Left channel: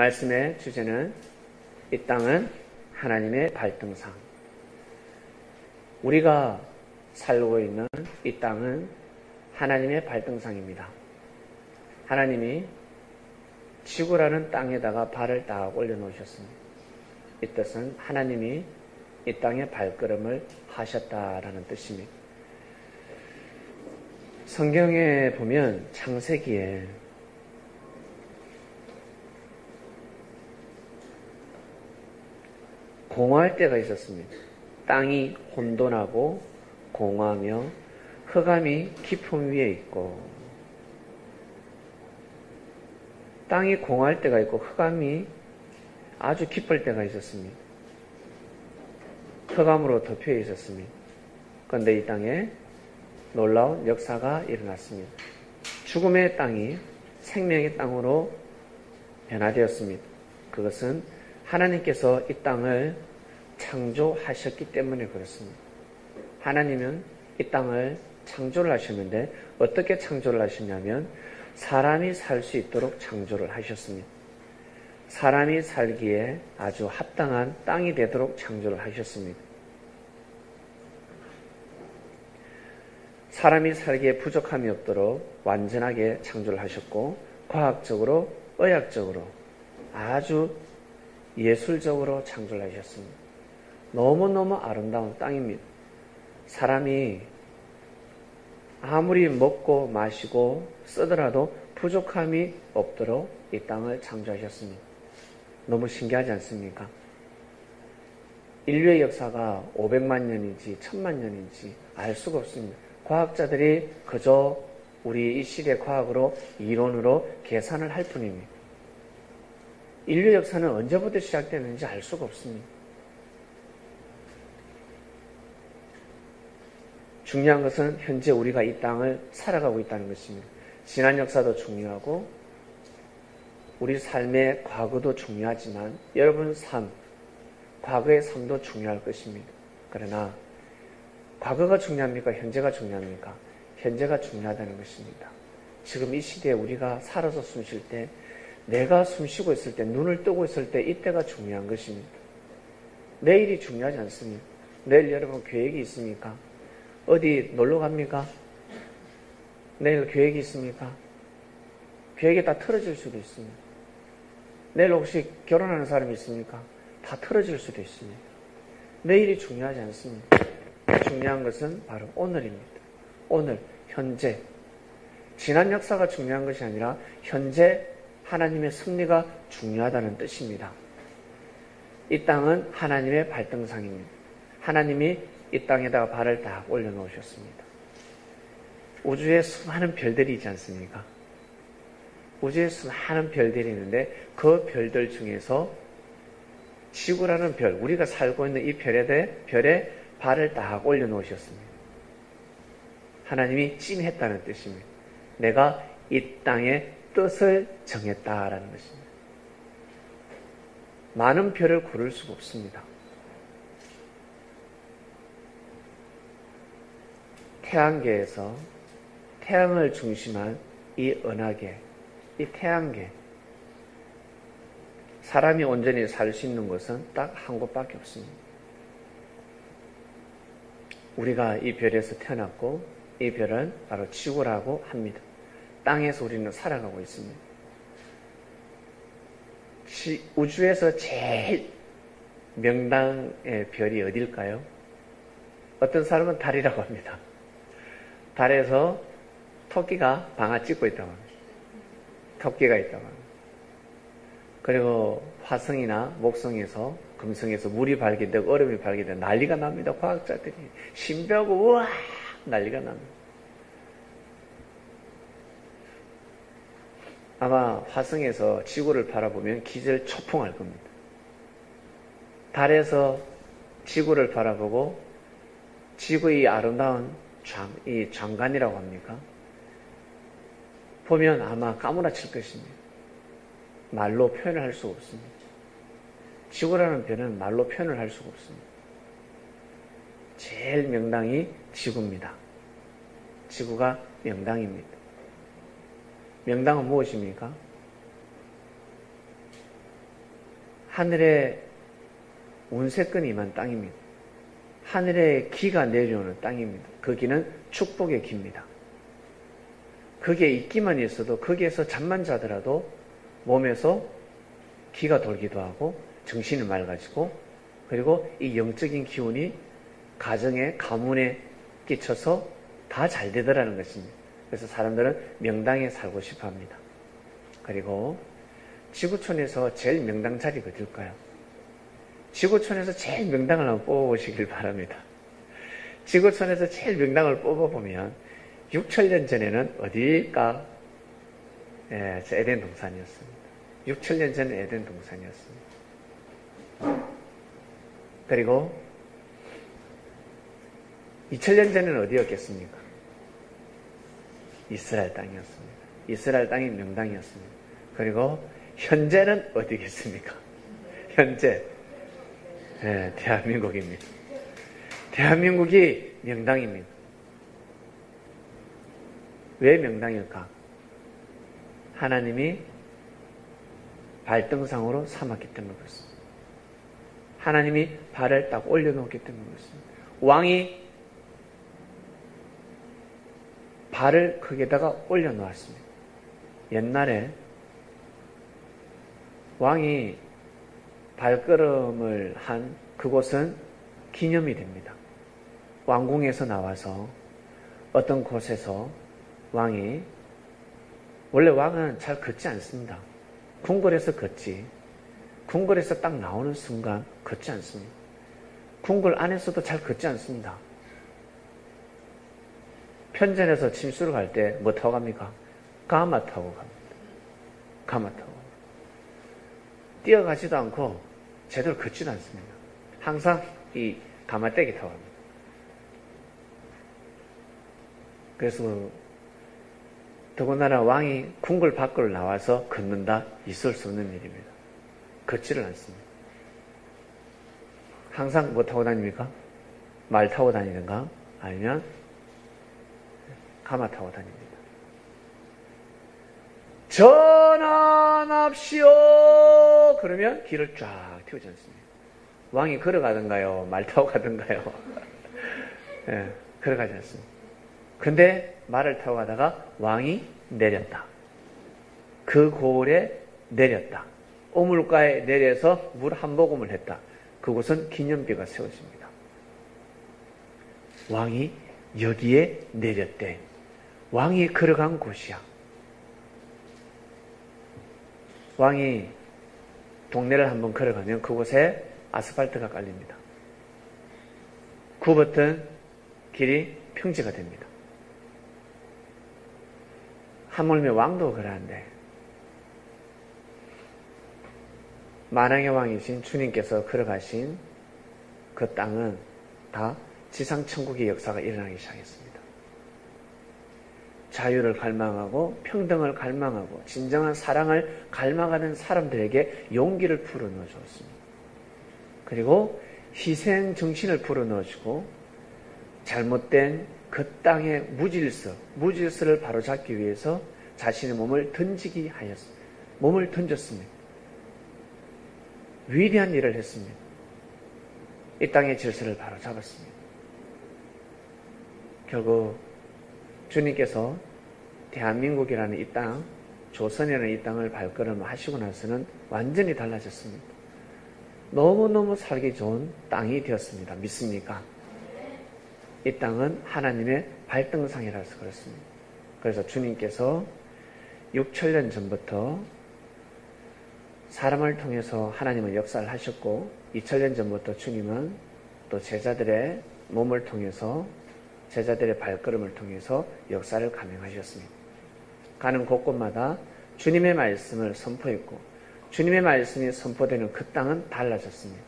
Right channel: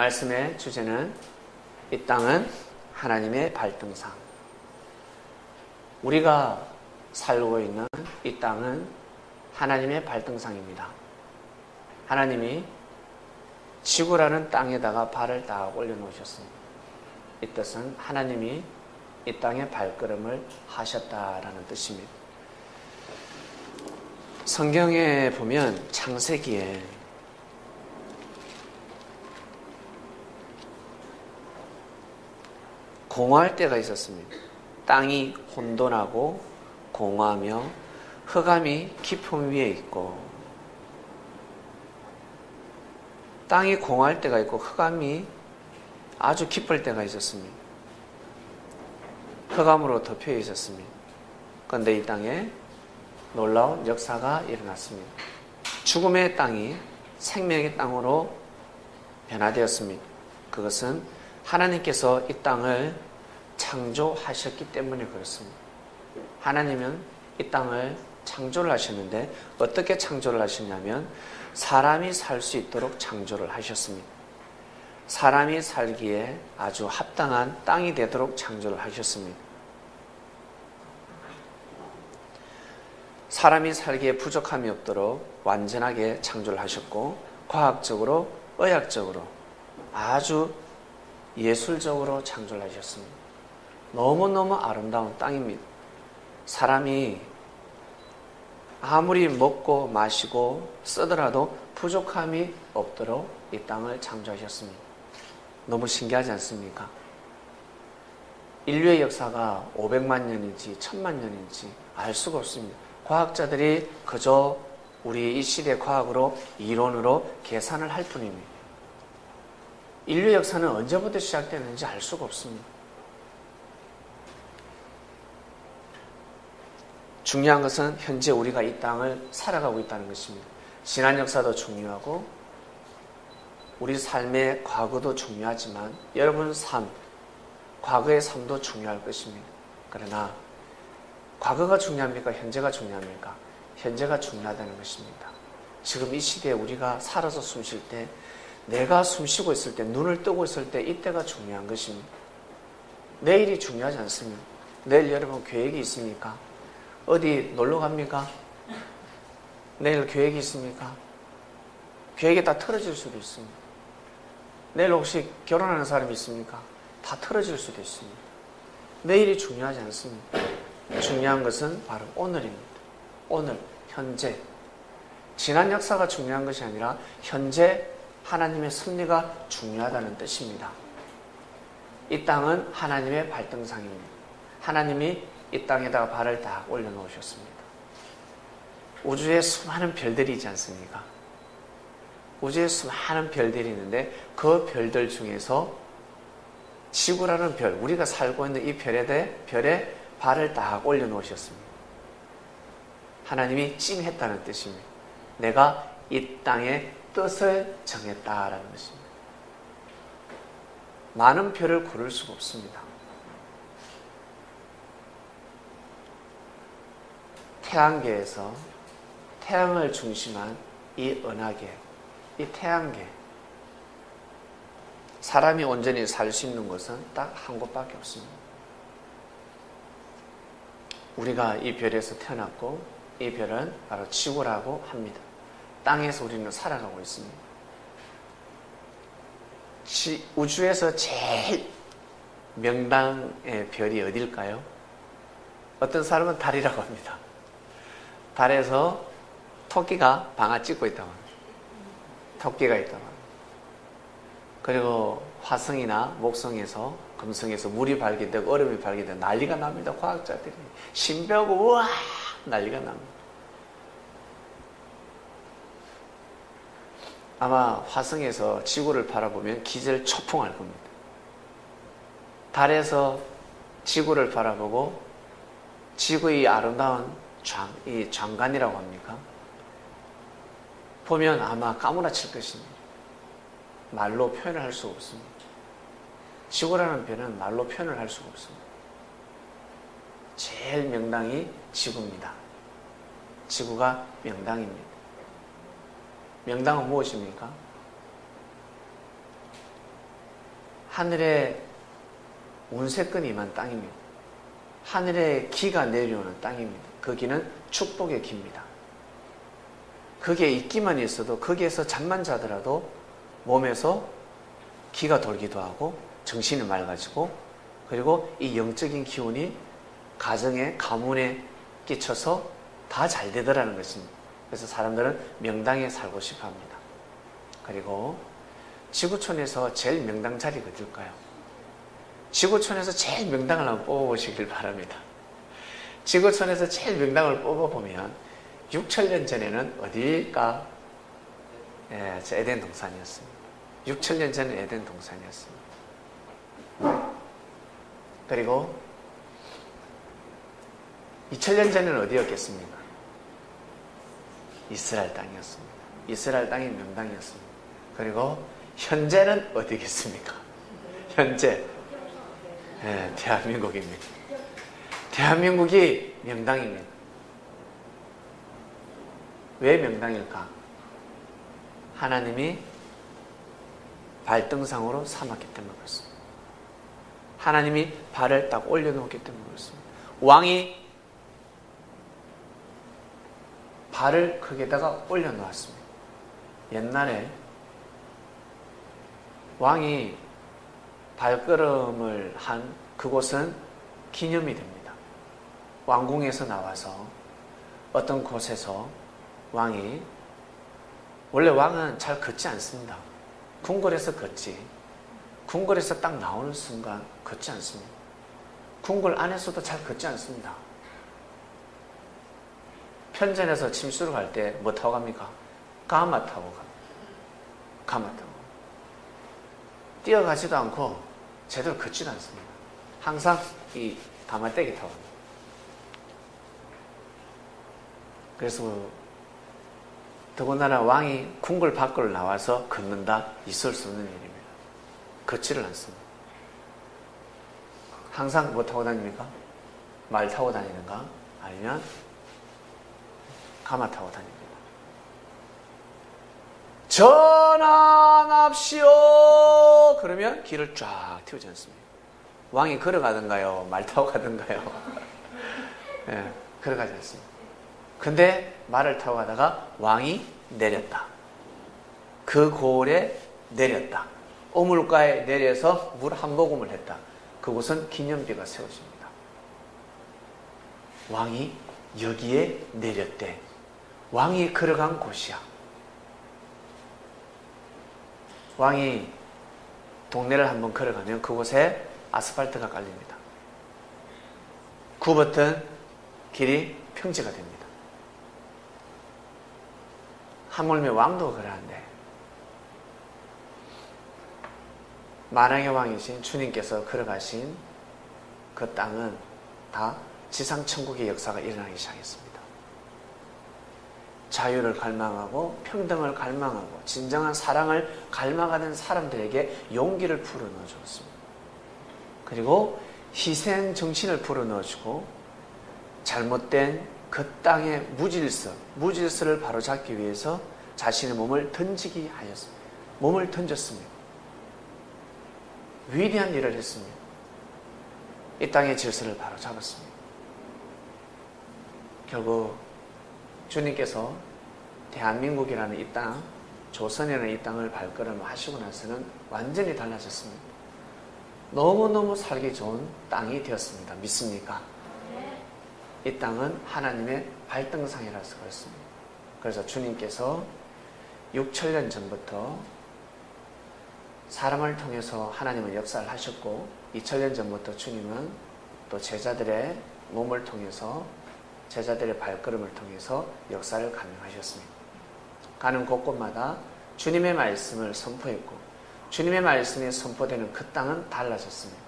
말씀의 주제는 이 땅은 하나님의 발등상. 우리가 살고 있는 이 땅은 하나님의 발등상입니다. 하나님이 지구라는 땅에다가 발을 딱 올려놓으셨습니다. 이 뜻은 하나님이 이 땅에 발걸음을 하셨다라는 뜻입니다. 성경에 보면 창세기에 공허할 때가 있었습니다. 땅이 혼돈하고 공허하며 흑암이 깊음 위에 있고, 땅이 공허할 때가 있고 흑암이 아주 깊을 때가 있었습니다. 흑암으로 덮여 있었습니다. 그런데 이 땅에 놀라운 역사가 일어났습니다. 죽음의 땅이 생명의 땅으로 변화되었습니다. 그것은 하나님께서 이 땅을 창조하셨기 때문에 그렇습니다. 하나님은 이 땅을 창조를 하셨는데 어떻게 창조를 하셨냐면 사람이 살 수 있도록 창조를 하셨습니다. 사람이 살기에 아주 합당한 땅이 되도록 창조를 하셨습니다. 사람이 살기에 부족함이 없도록 완전하게 창조를 하셨고, 과학적으로, 의학적으로 아주 예술적으로 창조를 하셨습니다. 너무너무 아름다운 땅입니다. 사람이 아무리 먹고 마시고 쓰더라도 부족함이 없도록 이 땅을 창조하셨습니다. 너무 신기하지 않습니까? 인류의 역사가 500만 년인지 1000만 년인지 알 수가 없습니다. 과학자들이 그저 우리 이 시대 과학으로 이론으로 계산을 할 뿐입니다. 인류 역사는 언제부터 시작됐는지 알 수가 없습니다. 중요한 것은 현재 우리가 이 땅을 살아가고 있다는 것입니다. 지난 역사도 중요하고 우리 삶의 과거도 중요하지만 여러분 삶, 과거의 삶도 중요할 것입니다. 그러나 과거가 중요합니까? 현재가 중요합니까? 현재가 중요하다는 것입니다. 지금 이 시대에 우리가 살아서 숨 쉴 때, 내가 숨 쉬고 있을 때, 눈을 뜨고 있을 때 이때가 중요한 것입니다. 내일이 중요하지 않습니다. 내일 여러분 계획이 있습니까? 어디 놀러 갑니까? 내일 계획이 있습니까? 계획이 다 틀어질 수도 있습니다. 내일 혹시 결혼하는 사람이 있습니까? 다 틀어질 수도 있습니다. 내일이 중요하지 않습니다. 중요한 것은 바로 오늘입니다. 오늘, 현재. 지난 역사가 중요한 것이 아니라 현재 하나님의 섭리가 중요하다는 뜻입니다. 이 땅은 하나님의 발등상입니다. 하나님이 이 땅에다가 발을 딱 올려놓으셨습니다. 우주에 수많은 별들이 있지 않습니까? 우주에 수많은 별들이 있는데 그 별들 중에서 지구라는 별, 우리가 살고 있는 이 별에 발을 딱 올려놓으셨습니다. 하나님이 찜했다는 뜻입니다. 내가 이 땅의 뜻을 정했다라는 것입니다. 많은 별을 고를 수가 없습니다. 태양계에서 태양을 중심한 이 은하계, 이 태양계, 사람이 온전히 살 수 있는 곳은 딱 한 곳밖에 없습니다. 우리가 이 별에서 태어났고 이 별은 바로 지구라고 합니다. 땅에서 우리는 살아가고 있습니다. 우주에서 제일 명당의 별이 어딜까요? 어떤 사람은 달이라고 합니다. 달에서 토끼가 방아 찍고 있다고 합니다. 토끼가 있다고 합니다. 그리고 화성이나 목성에서, 금성에서 물이 발견되고 얼음이 발견되고 난리가 납니다. 과학자들이 신비하고 우와 난리가 납니다. 아마 화성에서 지구를 바라보면 기절초풍할 겁니다. 달에서 지구를 바라보고 지구의 아름다운 이 장관이라고 합니까? 보면 아마 까무라칠 것입니다. 말로 표현을 할 수가 없습니다. 지구라는 별은 말로 표현을 할 수가 없습니다. 제일 명당이 지구입니다. 지구가 명당입니다. 명당은 무엇입니까? 하늘에 운세권이 임한 땅입니다. 하늘에 기가 내려오는 땅입니다. 거기는 축복의 기입니다. 거기에 있기만 있어도 거기에서 잠만 자더라도 몸에서 기가 돌기도 하고 정신이 맑아지고 그리고 이 영적인 기운이 가정에 가문에 끼쳐서 다 잘 되더라는 것입니다. 그래서 사람들은 명당에 살고 싶어 합니다. 그리고 지구촌에서 제일 명당 자리가 어딜까요? 지구촌에서 제일 명당을 한번 뽑아보시길 바랍니다. 지구촌에서 제일 명당을 뽑아보면 6천년 전에는 어디일까? 예, 에덴 동산이었습니다. 6천년 전에 에덴 동산이었습니다. 그리고 2000년 전에는 어디였겠습니까? 이스라엘 땅이었습니다. 이스라엘 땅이 명당이었습니다. 그리고 현재는 어디겠습니까? 현재 대한민국입니다. 대한민국이 명당입니다. 왜 명당일까? 하나님이 발등상으로 삼았기 때문에 그렇습니다. 하나님이 발을 딱 올려놓기 때문에 그렇습니다. 왕이 발을 거기에다가 올려놓았습니다. 옛날에 왕이 발걸음을 한 그곳은 기념이 됩니다. 왕궁에서 나와서 어떤 곳에서 왕이, 원래 왕은 잘 걷지 않습니다. 궁궐에서 걷지, 궁궐에서 딱 나오는 순간 걷지 않습니다. 궁궐 안에서도 잘 걷지 않습니다. 편전에서 침수를 갈 때 뭐 타고 갑니까? 가마 타고 갑니다. 가마 타고. 뛰어가지도 않고 제대로 걷지도 않습니다. 항상 이 가마떼기 타고 갑니다. 그래서 더군다나 왕이 궁궐 밖으로 나와서 걷는다? 있을 수 없는 일입니다. 걷지를 않습니다. 항상 뭐 타고 다닙니까? 말 타고 다니든가 아니면 가마 타고 다닙니다. 전환합시오! 그러면 길을 쫙 틔우지 않습니다. 왕이 걸어가든가요? 말 타고 가든가요? 네, 걸어가지 않습니다. 근데 말을 타고 가다가 왕이 내렸다. 그 고을에 내렸다. 오물가에 내려서 물 한 모금을 했다. 그곳은 기념비가 세워집니다. 왕이 여기에 내렸대. 왕이 걸어간 곳이야. 왕이 동네를 한번 걸어가면 그곳에 아스팔트가 깔립니다. 굽었던 길이 평지가 됩니다. 하물며 왕도 그러는데 만왕의 왕이신 주님께서 걸어가신 그 땅은 다 지상천국의 역사가 일어나기 시작했습니다. 자유를 갈망하고 평등을 갈망하고 진정한 사랑을 갈망하는 사람들에게 용기를 불어넣어 주었습니다. 그리고 희생 정신을 불어넣어 주고 잘못된 그 땅의 무질서를 바로잡기 위해서 자신의 몸을 던지기 하였습니다. 몸을 던졌습니다. 위대한 일을 했습니다. 이 땅의 질서를 바로잡았습니다. 결국 주님께서 대한민국이라는 이 땅, 조선이라는 이 땅을 발걸음 하시고 나서는 완전히 달라졌습니다. 너무너무 살기 좋은 땅이 되었습니다. 믿습니까? 이 땅은 하나님의 발등상이라서 그렇습니다. 그래서 주님께서 6천년 전부터 사람을 통해서 하나님은 역사를 하셨고 2000년 전부터 주님은 또 제자들의 몸을 통해서 제자들의 발걸음을 통해서 역사를 감행하셨습니다. 가는 곳곳마다 주님의 말씀을 선포했고 주님의 말씀이 선포되는 그 땅은 달라졌습니다.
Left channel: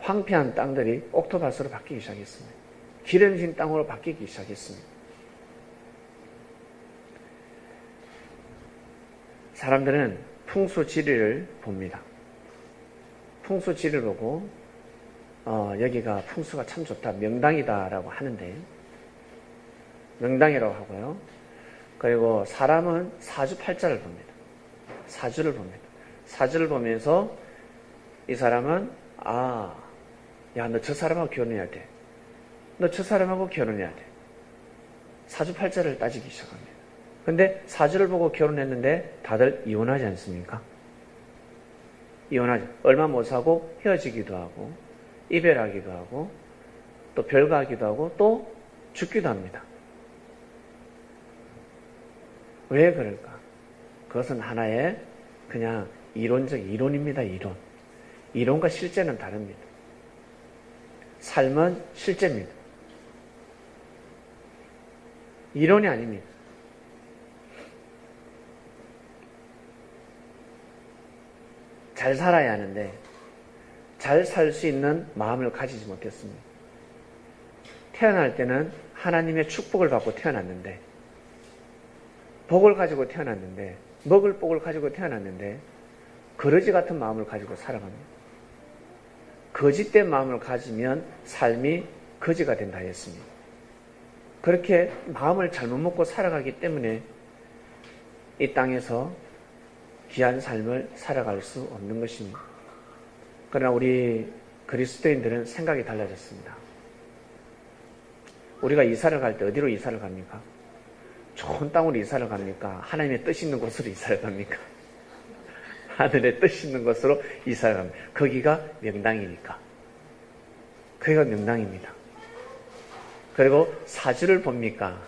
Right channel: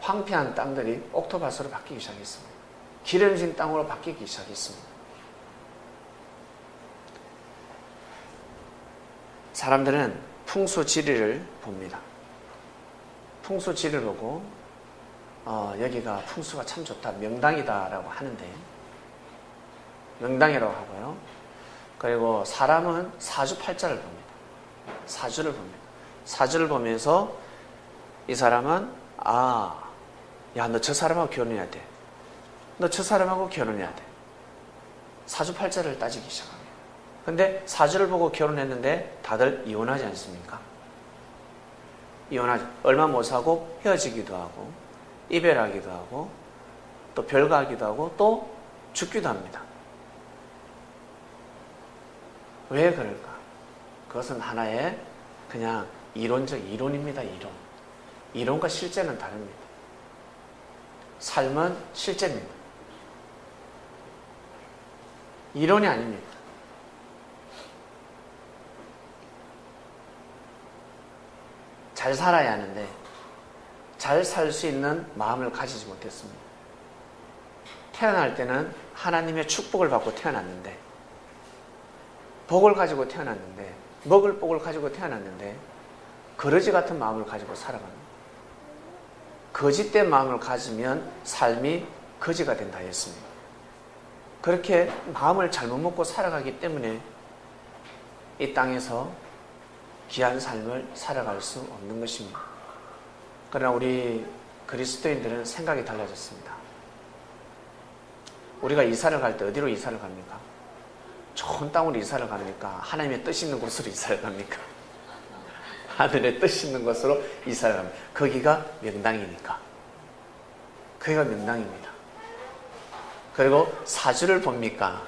황폐한 땅들이 옥토밭으로 바뀌기 시작했습니다. 기름진 땅으로 바뀌기 시작했습니다. 사람들은 풍수지리를 봅니다. 풍수지리를 보고 여기가 풍수가 참 좋다, 명당이다라고 하는데 명당이라고 하고요. 그리고 사람은 사주팔자를 봅니다. 사주를 봅니다. 사주를 보면서 이 사람은 야, 너 저 사람하고 결혼해야 돼. 너 저 사람하고 결혼해야 돼. 사주팔자를 따지기 시작합니다. 근데 사주를 보고 결혼했는데 다들 이혼하지 않습니까? 이혼하죠. 얼마 못 사고 헤어지기도 하고 이별하기도 하고 또 별거하기도 하고 또 죽기도 합니다. 왜 그럴까? 그것은 하나의 그냥 이론입니다. 이론과 실제는 다릅니다. 삶은 실제입니다. 이론이 아닙니다. 잘 살아야 하는데 잘 살 수 있는 마음을 가지지 못했습니다. 태어날 때는 하나님의 축복을 받고 태어났는데 복을 가지고 태어났는데 먹을 복을 가지고 태어났는데 거지 같은 마음을 가지고 살아갑니다. 거짓된 마음을 가지면 삶이 거지가 된다 했습니다. 그렇게 마음을 잘못 먹고 살아가기 때문에 이 땅에서 귀한 삶을 살아갈 수 없는 것입니다. 그러나 우리 그리스도인들은 생각이 달라졌습니다. 우리가 이사를 갈 때 어디로 이사를 갑니까? 좋은 땅으로 이사를 갑니까? 하나님의 뜻 있는 곳으로 이사를 갑니까? 하늘의 뜻 있는 곳으로 이사를 갑니다. 거기가 명당이니까. 거기가 명당입니다. 그리고 사주를 봅니까?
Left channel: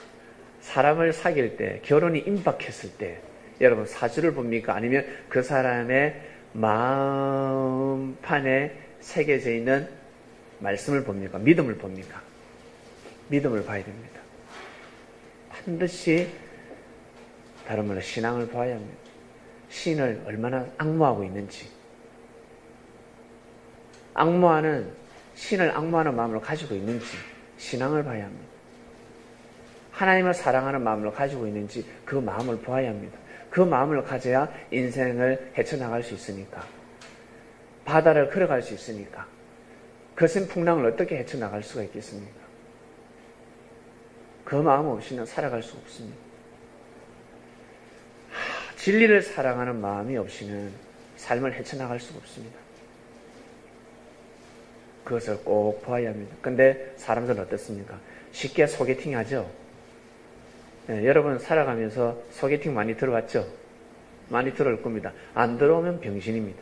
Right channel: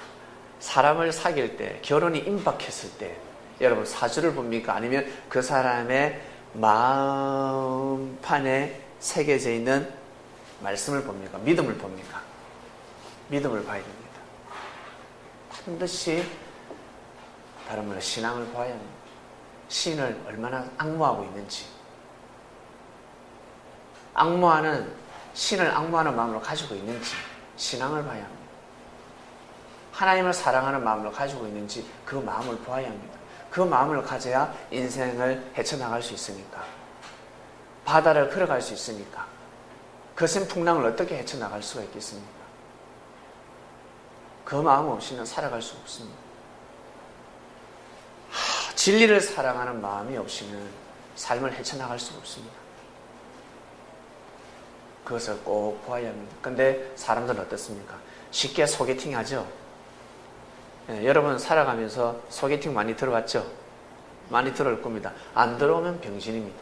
사람을 사귈 때, 결혼이 임박했을 때 여러분 사주를 봅니까? 아니면 그 사람의 마음판에 새겨져 있는 말씀을 봅니까? 믿음을 봅니까? 믿음을 봐야 됩니다. 반드시 다른 말로 신앙을 봐야 합니다. 신을 얼마나 앙모하고 있는지, 신을 앙모하는 마음을 가지고 있는지 신앙을 봐야 합니다. 하나님을 사랑하는 마음을 가지고 있는지 그 마음을 보아야 합니다. 그 마음을 가져야 인생을 헤쳐나갈 수 있으니까, 바다를 걸어갈 수 있으니까, 거센 풍랑을 어떻게 헤쳐나갈 수가 있겠습니까? 그 마음 없이는 살아갈 수 없습니다. 진리를 사랑하는 마음이 없이는 삶을 헤쳐나갈 수가 없습니다. 그것을 꼭 보아야 합니다. 근데 사람들은 어떻습니까? 쉽게 소개팅 하죠? 네, 여러분 살아가면서 소개팅 많이 들어봤죠? 많이 들어올 겁니다. 안 들어오면 병신입니다.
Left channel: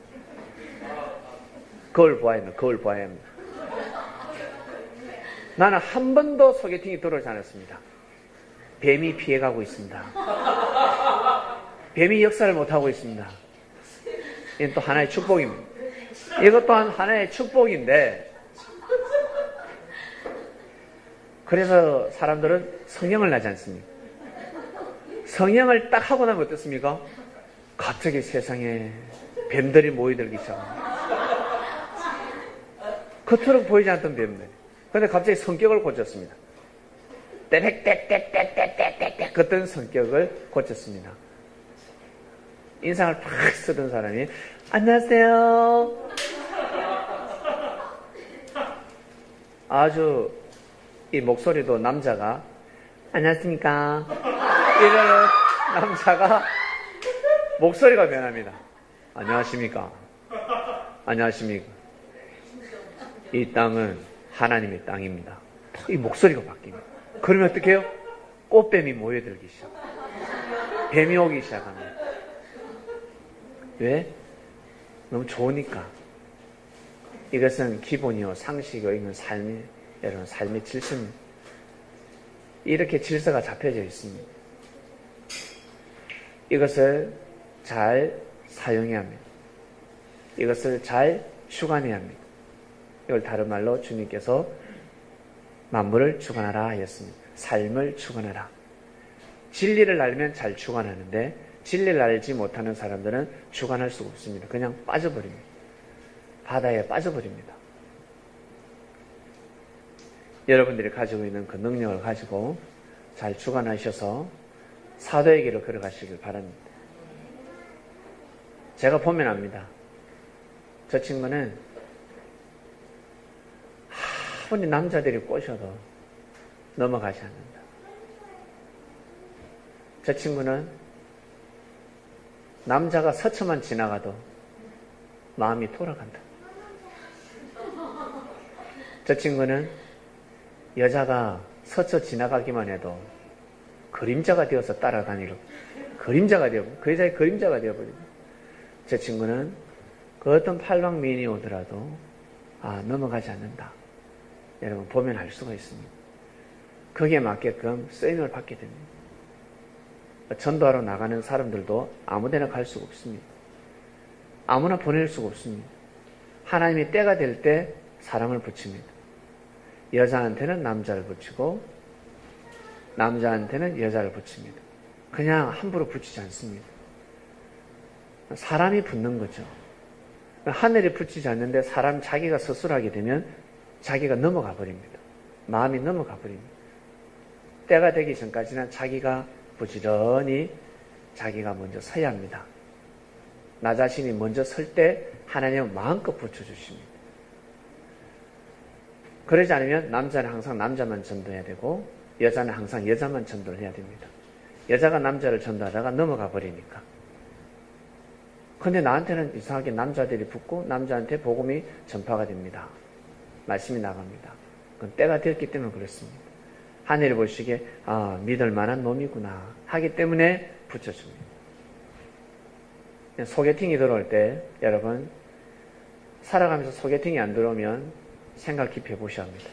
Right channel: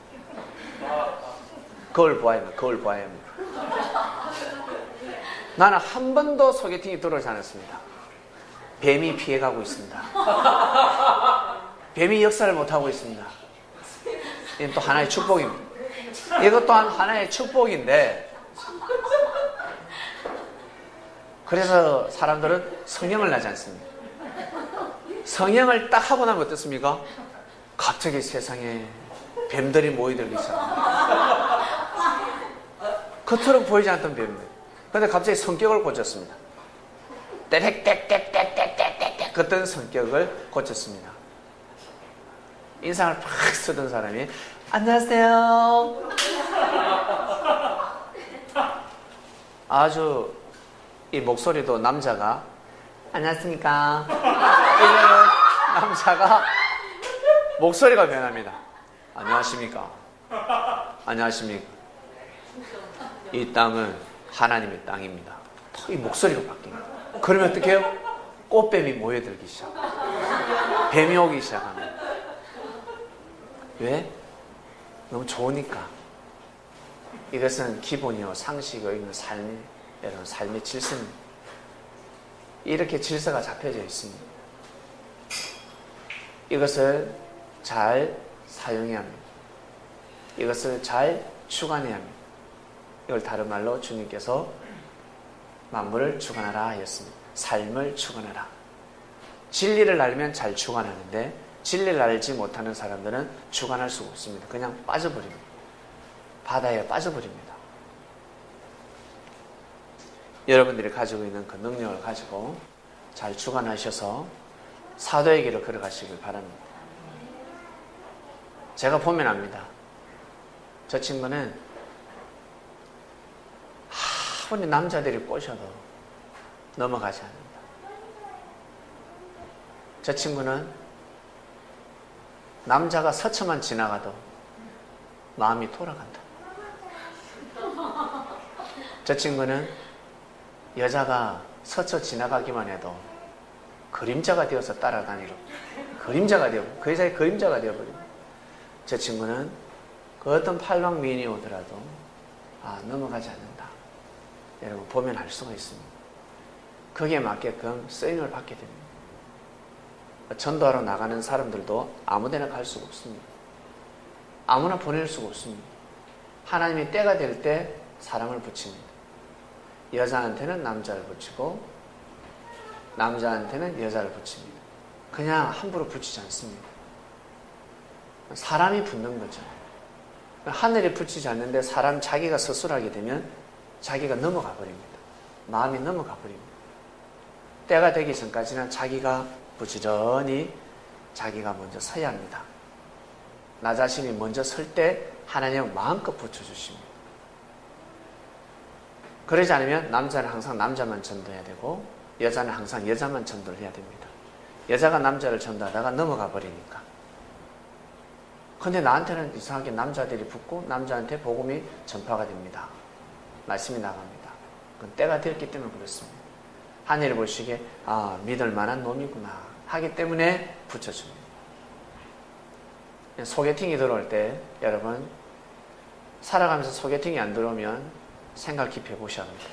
그걸 보아야 합니다. 그걸 보아야 합니다. 나는 한 번도 소개팅이 들어오지 않았습니다. 뱀이 피해가고 있습니다. 뱀이 역사를 못하고 있습니다. 이건 또 하나의 축복입니다. 이것 또한 하나의 축복인데, 그래서 사람들은 성형을 하지 않습니다. 성형을 딱 하고 나면 어떻습니까? 갑자기 세상에 뱀들이 모여들기 시작합니다. 겉으로 보이지 않던 뱀들. 그런데 갑자기 성격을 고쳤습니다. 떼렉떼렉떼렉떼렉떼렉 그랬던 성격을 고쳤습니다. 인상을 팍 쓰던 사람이 안녕하세요. 아주 이 목소리도 남자가 안녕하십니까. 이런 남자가 목소리가 변합니다. 안녕하십니까. 안녕하십니까. 이 땅은 하나님의 땅입니다. 이 목소리가 바뀝니다. 그러면 어떻게 해요? 꽃뱀이 모여들기 시작. 뱀이 오기 시작합니다. 왜? 너무 좋으니까. 이것은 기본이요, 상식이요, 이건 여러분 삶의 질서입니다. 이렇게 질서가 잡혀져 있습니다. 이것을 잘 사용해야 합니다. 이것을 잘 주관해야 합니다. 이걸 다른 말로 주님께서 만물을 주관하라 하였습니다. 삶을 주관하라. 진리를 알면 잘 주관하는데 진리를 알지 못하는 사람들은 주관할 수가 없습니다. 그냥 빠져버립니다. 바다에 빠져버립니다. 여러분들이 가지고 있는 그 능력을 가지고 잘 주관하셔서 사도의 길을 걸어가시길 바랍니다. 제가 보면 압니다. 저 친구는 아무리 남자들이 꼬셔도 넘어가지 않는다. 저 친구는 남자가 스쳐만 지나가도 마음이 돌아간다. 저 친구는 여자가 스쳐 지나가기만 해도 그림자가 되어서 따라다니고 그림자가 되고 그 여자의 그림자가 되어버립니다. 제 친구는 그 어떤 팔방미인이 오더라도 넘어가지 않는다. 여러분 보면 알 수가 있습니다. 거기에 맞게끔 쓰임을 받게 됩니다. 전도하러 나가는 사람들도 아무데나 갈 수가 없습니다. 아무나 보낼 수가 없습니다. 하나님이 때가 될 때 사람을 붙입니다. 여자한테는 남자를 붙이고 남자한테는 여자를 붙입니다. 그냥 함부로 붙이지 않습니다. 사람이 붙는 거죠. 하늘이 붙이지 않는데 사람 자기가 서술하게 되면 자기가 넘어가 버립니다. 마음이 넘어가 버립니다. 때가 되기 전까지는 자기가 부지런히 자기가 먼저 서야 합니다. 나 자신이 먼저 설 때 하나님은 마음껏 붙여주십니다. 그러지 않으면 남자는 항상 남자만 전도해야 되고 여자는 항상 여자만 전도를 해야 됩니다. 여자가 남자를 전도하다가 넘어가 버리니까. 근데 나한테는 이상하게 남자들이 붙고 남자한테 복음이 전파가 됩니다. 말씀이 나갑니다. 그건 때가 되었기 때문에 그렇습니다. 하늘이 보시기에 믿을 만한 놈이구나 하기 때문에 붙여줍니다. 소개팅이 들어올 때 여러분 살아가면서 소개팅이 안 들어오면 생각 깊이 해보셔야 합니다.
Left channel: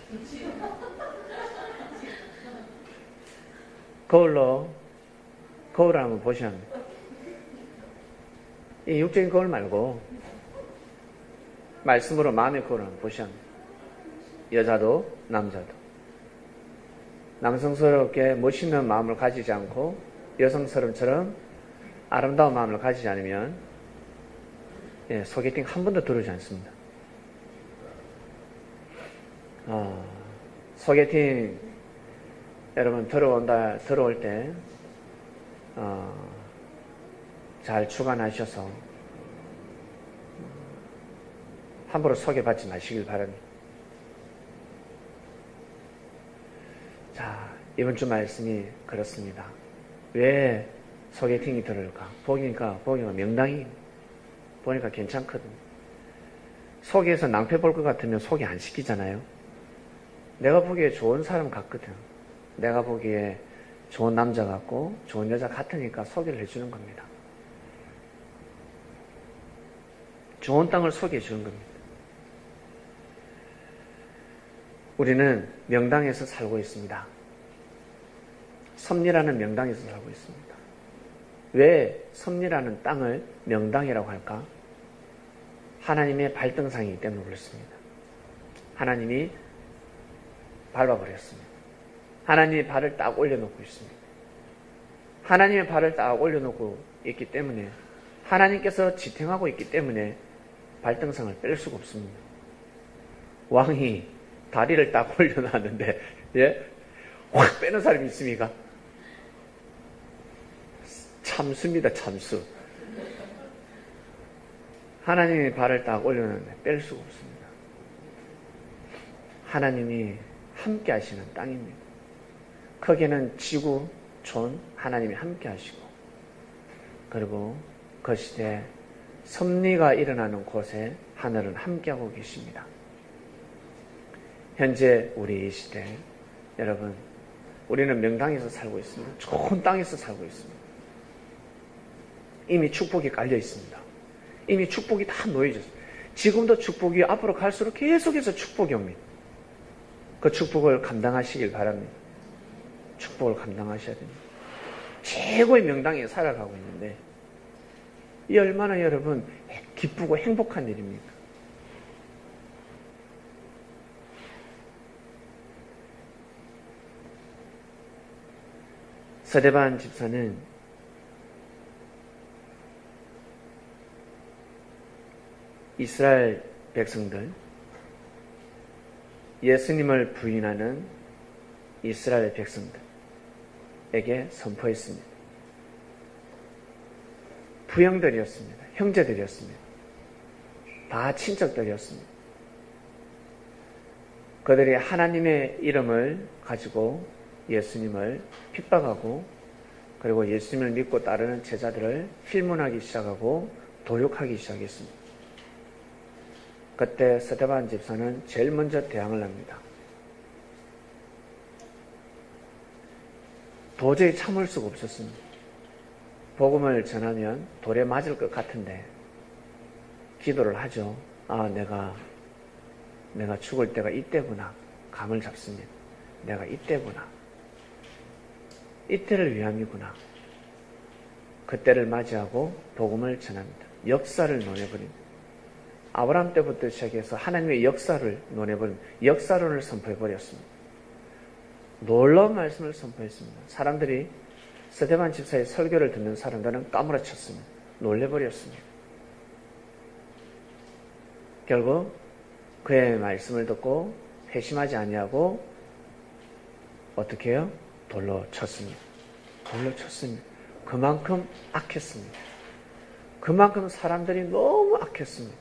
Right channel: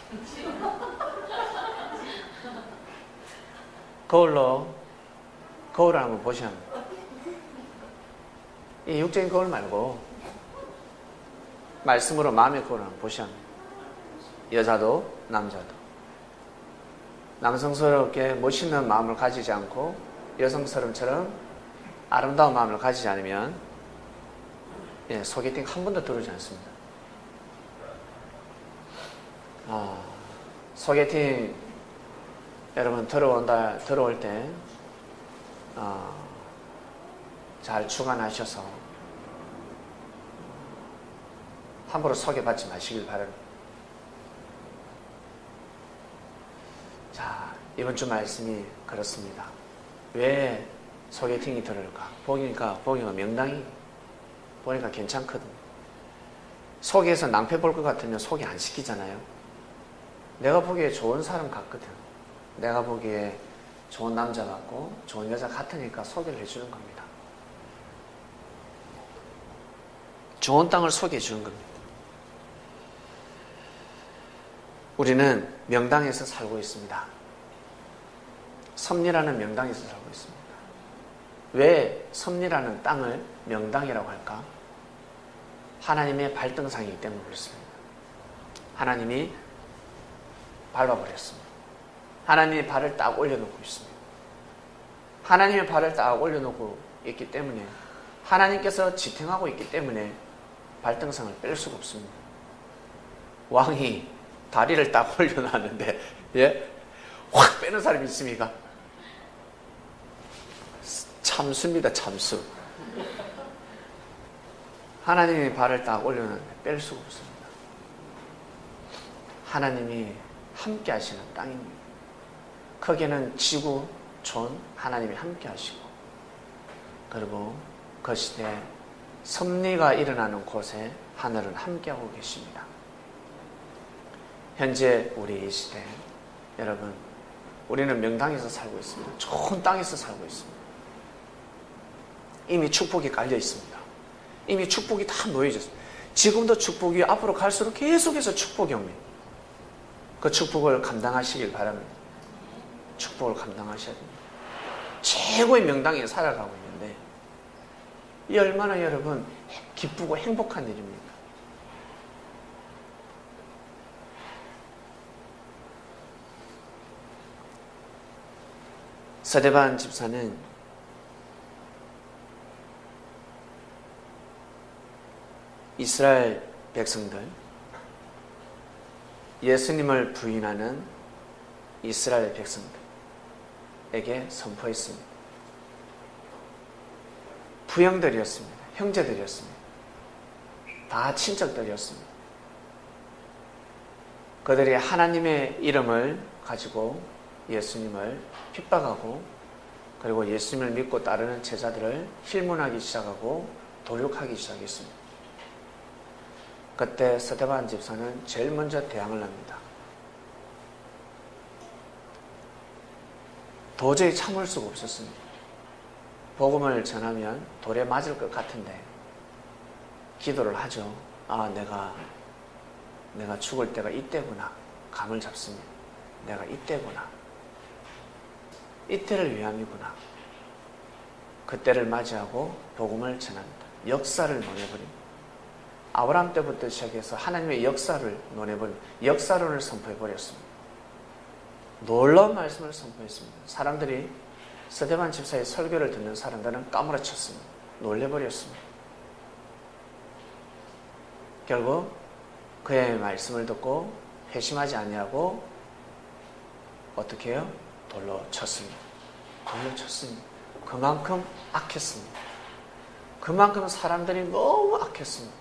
거울을 한번 보셔야 합니다. 이 육적인 거울 말고 말씀으로 마음의 거울을 한번 보셔야 합니다. 여자도 남자도 남성스럽게 멋있는 마음을 가지지 않고 여성스러움처럼 아름다운 마음을 가지지 않으면 소개팅 한 번도 들어오지 않습니다. 소개팅 여러분 들어올 때 잘 주관하셔서 함부로 소개받지 마시길 바랍니다. 자, 이번 주 말씀이 그렇습니다. 왜 소개팅이 들어올까? 보기가 명당이 보니까 괜찮거든요. 소개해서 낭패 볼 것 같으면 소개 안 시키잖아요. 내가 보기에 좋은 사람 같거든. 내가 보기에 좋은 남자 같고 좋은 여자 같으니까 소개를 해주는 겁니다. 좋은 땅을 소개해 주는 겁니다. 우리는 명당에서 살고 있습니다. 섭리라는 명당에서 살고 있습니다. 왜 섭리라는 땅을 명당이라고 할까? 하나님의 발등상이기 때문에 그렇습니다. 하나님이 밟아버렸습니다. 하나님의 발을 딱 올려놓고 있습니다. 하나님의 발을 딱 올려놓고 있기 때문에 하나님께서 지탱하고 있기 때문에 발등상을 뺄 수가 없습니다. 왕이 다리를 딱 올려놨는데 확 빼는 사람이 있습니까? 참수입니다. 참수. 하나님의 발을 딱 올려놨는데 뺄 수가 없습니다. 하나님이 함께 하시는 땅입니다. 거기는 지구, 촌, 하나님이 함께 하시고 그리고 그 시대에 섭리가 일어나는 곳에 하늘은 함께하고 계십니다. 현재 우리 이 시대 여러분 우리는 명당에서 살고 있습니다. 좋은 땅에서 살고 있습니다. 이미 축복이 깔려 있습니다. 이미 축복이 다 놓여져 있습니다. 지금도 축복이 앞으로 갈수록 계속해서 축복이 옵니다. 그 축복을 감당하시길 바랍니다. 축복을 감당하셔야 됩니다. 최고의 명당에 살아가고 있는데 이 얼마나 여러분 기쁘고 행복한 일입니까? 스데반 집사는 이스라엘 백성들, 예수님을 부인하는 이스라엘 백성들에게 선포했습니다. 부형들이었습니다. 형제들이었습니다. 다 친척들이었습니다. 그들이 하나님의 이름을 가지고 예수님을 핍박하고 그리고 예수님을 믿고 따르는 제자들을 힐문하기 시작하고 도륙하기 시작했습니다. 그때 스데반 집사는 제일 먼저 대항을 합니다. 도저히 참을 수가 없었습니다. 복음을 전하면 돌에 맞을 것 같은데 기도를 하죠. 아, 내가 죽을 때가 이때구나. 감을 잡습니다. 내가 이때구나. 이때를 위함이구나. 그때를 맞이하고 복음을 전합니다. 역사를 논해버립니다. 아브라함 때부터 시작해서 하나님의 역사를 논해버립니다. 역사론을 선포해버렸습니다. 놀라운 말씀을 선포했습니다. 사람들이 스데반 집사의 설교를 듣는 사람들은 까무러쳤습니다. 놀래버렸습니다. 결국 그의 말씀을 듣고 회심하지 아니하고 어떻게 해요? 돌로 쳤습니다. 돌로 쳤습니다. 그만큼 악했습니다. 그만큼 사람들이 너무 악했습니다.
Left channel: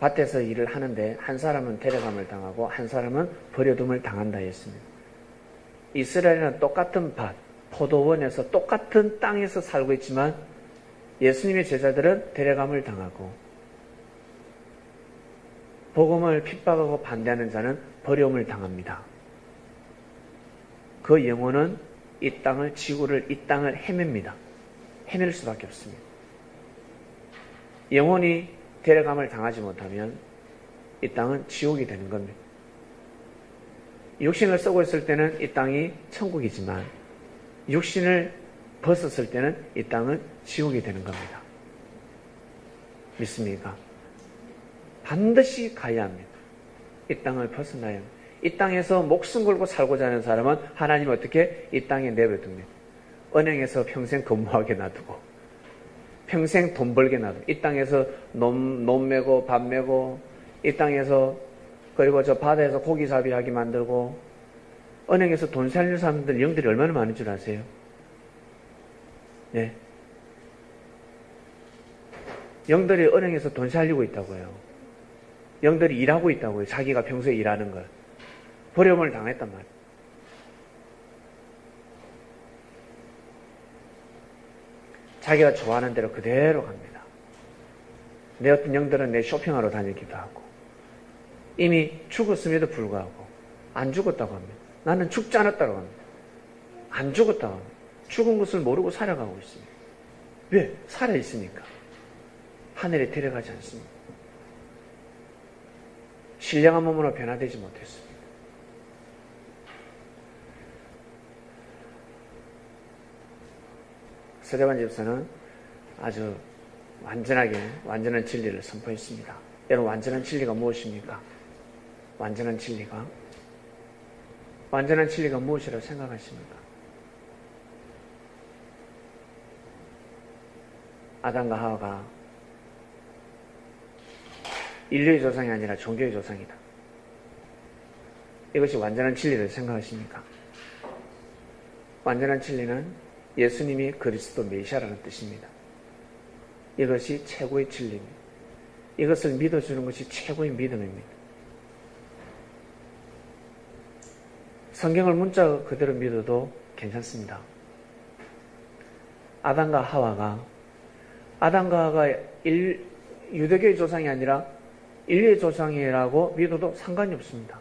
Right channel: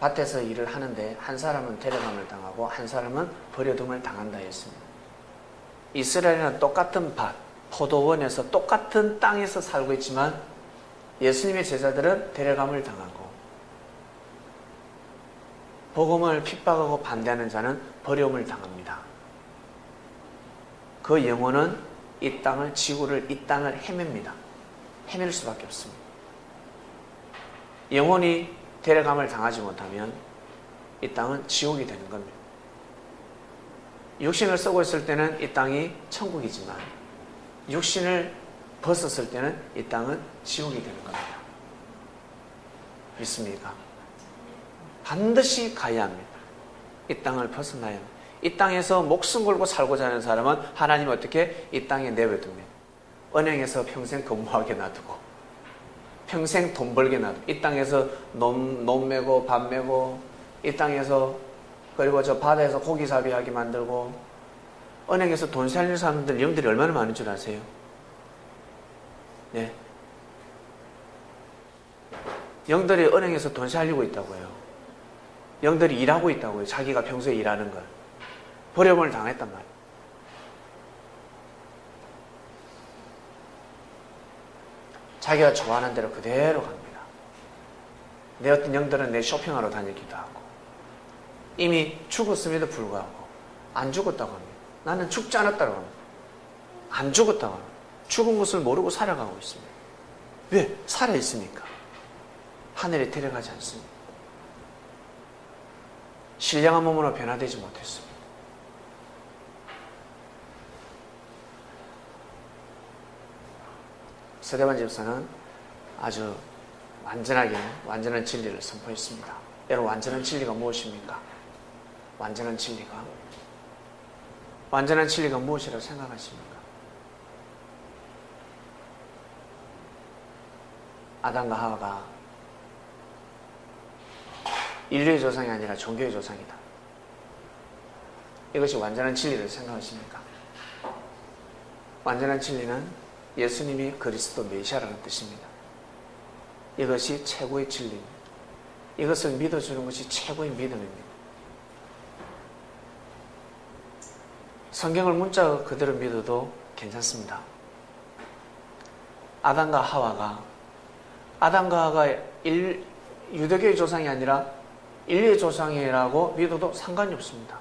밭에서 일을 하는데 한 사람은 데려감을 당하고 한 사람은 버려둠을 당한다 했습니다. 이스라엘은 똑같은 밭, 포도원에서 똑같은 땅에서 살고 있지만 예수님의 제자들은 데려감을 당하고 복음을 핍박하고 반대하는 자는 버려움을 당합니다. 그 영혼은 이 땅을, 지구를, 이 땅을 헤맵니다. 헤맬 수밖에 없습니다. 영혼이 데려감을 당하지 못하면 이 땅은 지옥이 되는 겁니다. 육신을 쓰고 있을 때는 이 땅이 천국이지만 육신을 벗었을 때는 이 땅은 지옥이 되는 겁니다. 믿습니까? 반드시 가야 합니다. 이 땅을 벗어나야 합니다. 이 땅에서 목숨 걸고 살고자 하는 사람은 하나님 어떻게 이 땅에 내버려둡니다. 은행에서 평생 근무하게 놔두고 평생 돈 벌게 놔두고 이 땅에서 논 메고 밥 메고 이 땅에서 그리고 저 바다에서 고기잡이하게 만들고 은행에서 돈 살리는 사람들 영들이 얼마나 많은 줄 아세요? 네. 영들이 은행에서 돈 살리고 있다고요. 영들이 일하고 있다고요. 자기가 평소에 일하는 걸. 버려움을 당했단 말이에요. 자기가 좋아하는 대로 그대로 갑니다. 내 어떤 영들은 내 쇼핑하러 다니기도 하고 이미 죽었음에도 불구하고 안 죽었다고 합니다. 나는 죽지 않았다고 합니다. 안 죽었다고 합니다. 죽은 것을 모르고 살아가고 있습니다. 왜? 살아있으니까. 하늘에 데려가지 않습니다. 신령한 몸으로 변화되지 못했습니다. 스데반 집사는 아주 완전한 진리를 선포했습니다. 여러분, 완전한 진리가 무엇입니까? 완전한 진리가 무엇이라고 생각하십니까? 아담과 하와가 인류의 조상이 아니라 종교의 조상이다. 이것이 완전한 진리를 생각하십니까? 완전한 진리는 예수님이 그리스도 메시아라는 뜻입니다. 이것이 최고의 진리입니다. 이것을 믿어주는 것이 최고의 믿음입니다. 성경을 문자 그대로 믿어도 괜찮습니다. 아담과 하와가 유대교의 조상이 아니라 인류의 조상이라고 믿어도 상관이 없습니다.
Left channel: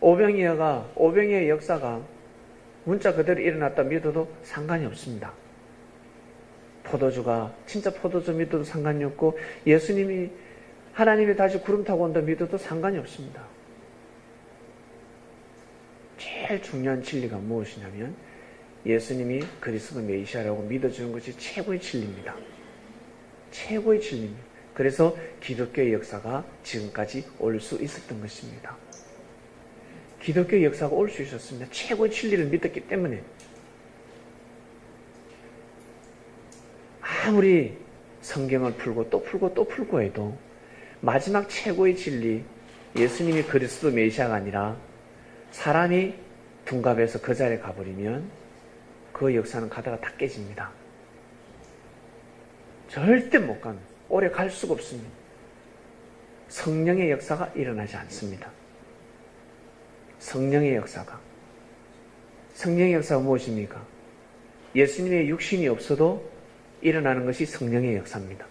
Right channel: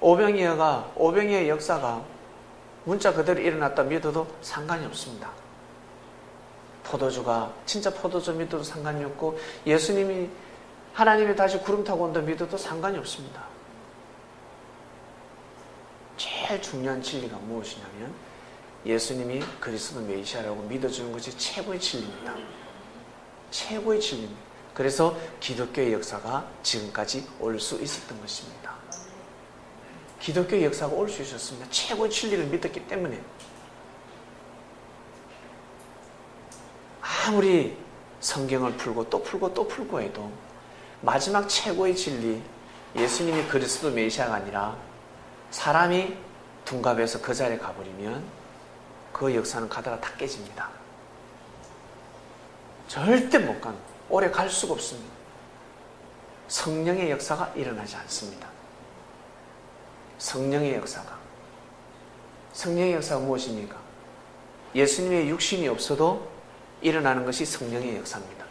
오병이어의 역사가 문자 그대로 일어났다 믿어도 상관이 없습니다. 진짜 포도주 믿어도 상관이 없고 예수님이 하나님이 다시 구름 타고 온다 믿어도 상관이 없습니다. 제일 중요한 진리가 무엇이냐면 예수님이 그리스도 메시아라고 믿어주는 것이 최고의 진리입니다. 최고의 진리입니다. 그래서 기독교의 역사가 지금까지 올 수 있었던 것입니다. 기독교의 역사가 올 수 있었습니다. 최고의 진리를 믿었기 때문에. 아무리 성경을 풀고 또 풀고 또 풀고 해도 마지막 최고의 진리, 예수님이 그리스도 메시아가 아니라 사람이 둔갑해서 그 자리에 가버리면 그 역사는 가다가 다 깨집니다. 절대 못 갑니다. 오래 갈 수가 없습니다. 성령의 역사가 일어나지 않습니다. 성령의 역사가. 성령의 역사가 무엇입니까? 예수님의 육신이 없어도 일어나는 것이 성령의 역사입니다.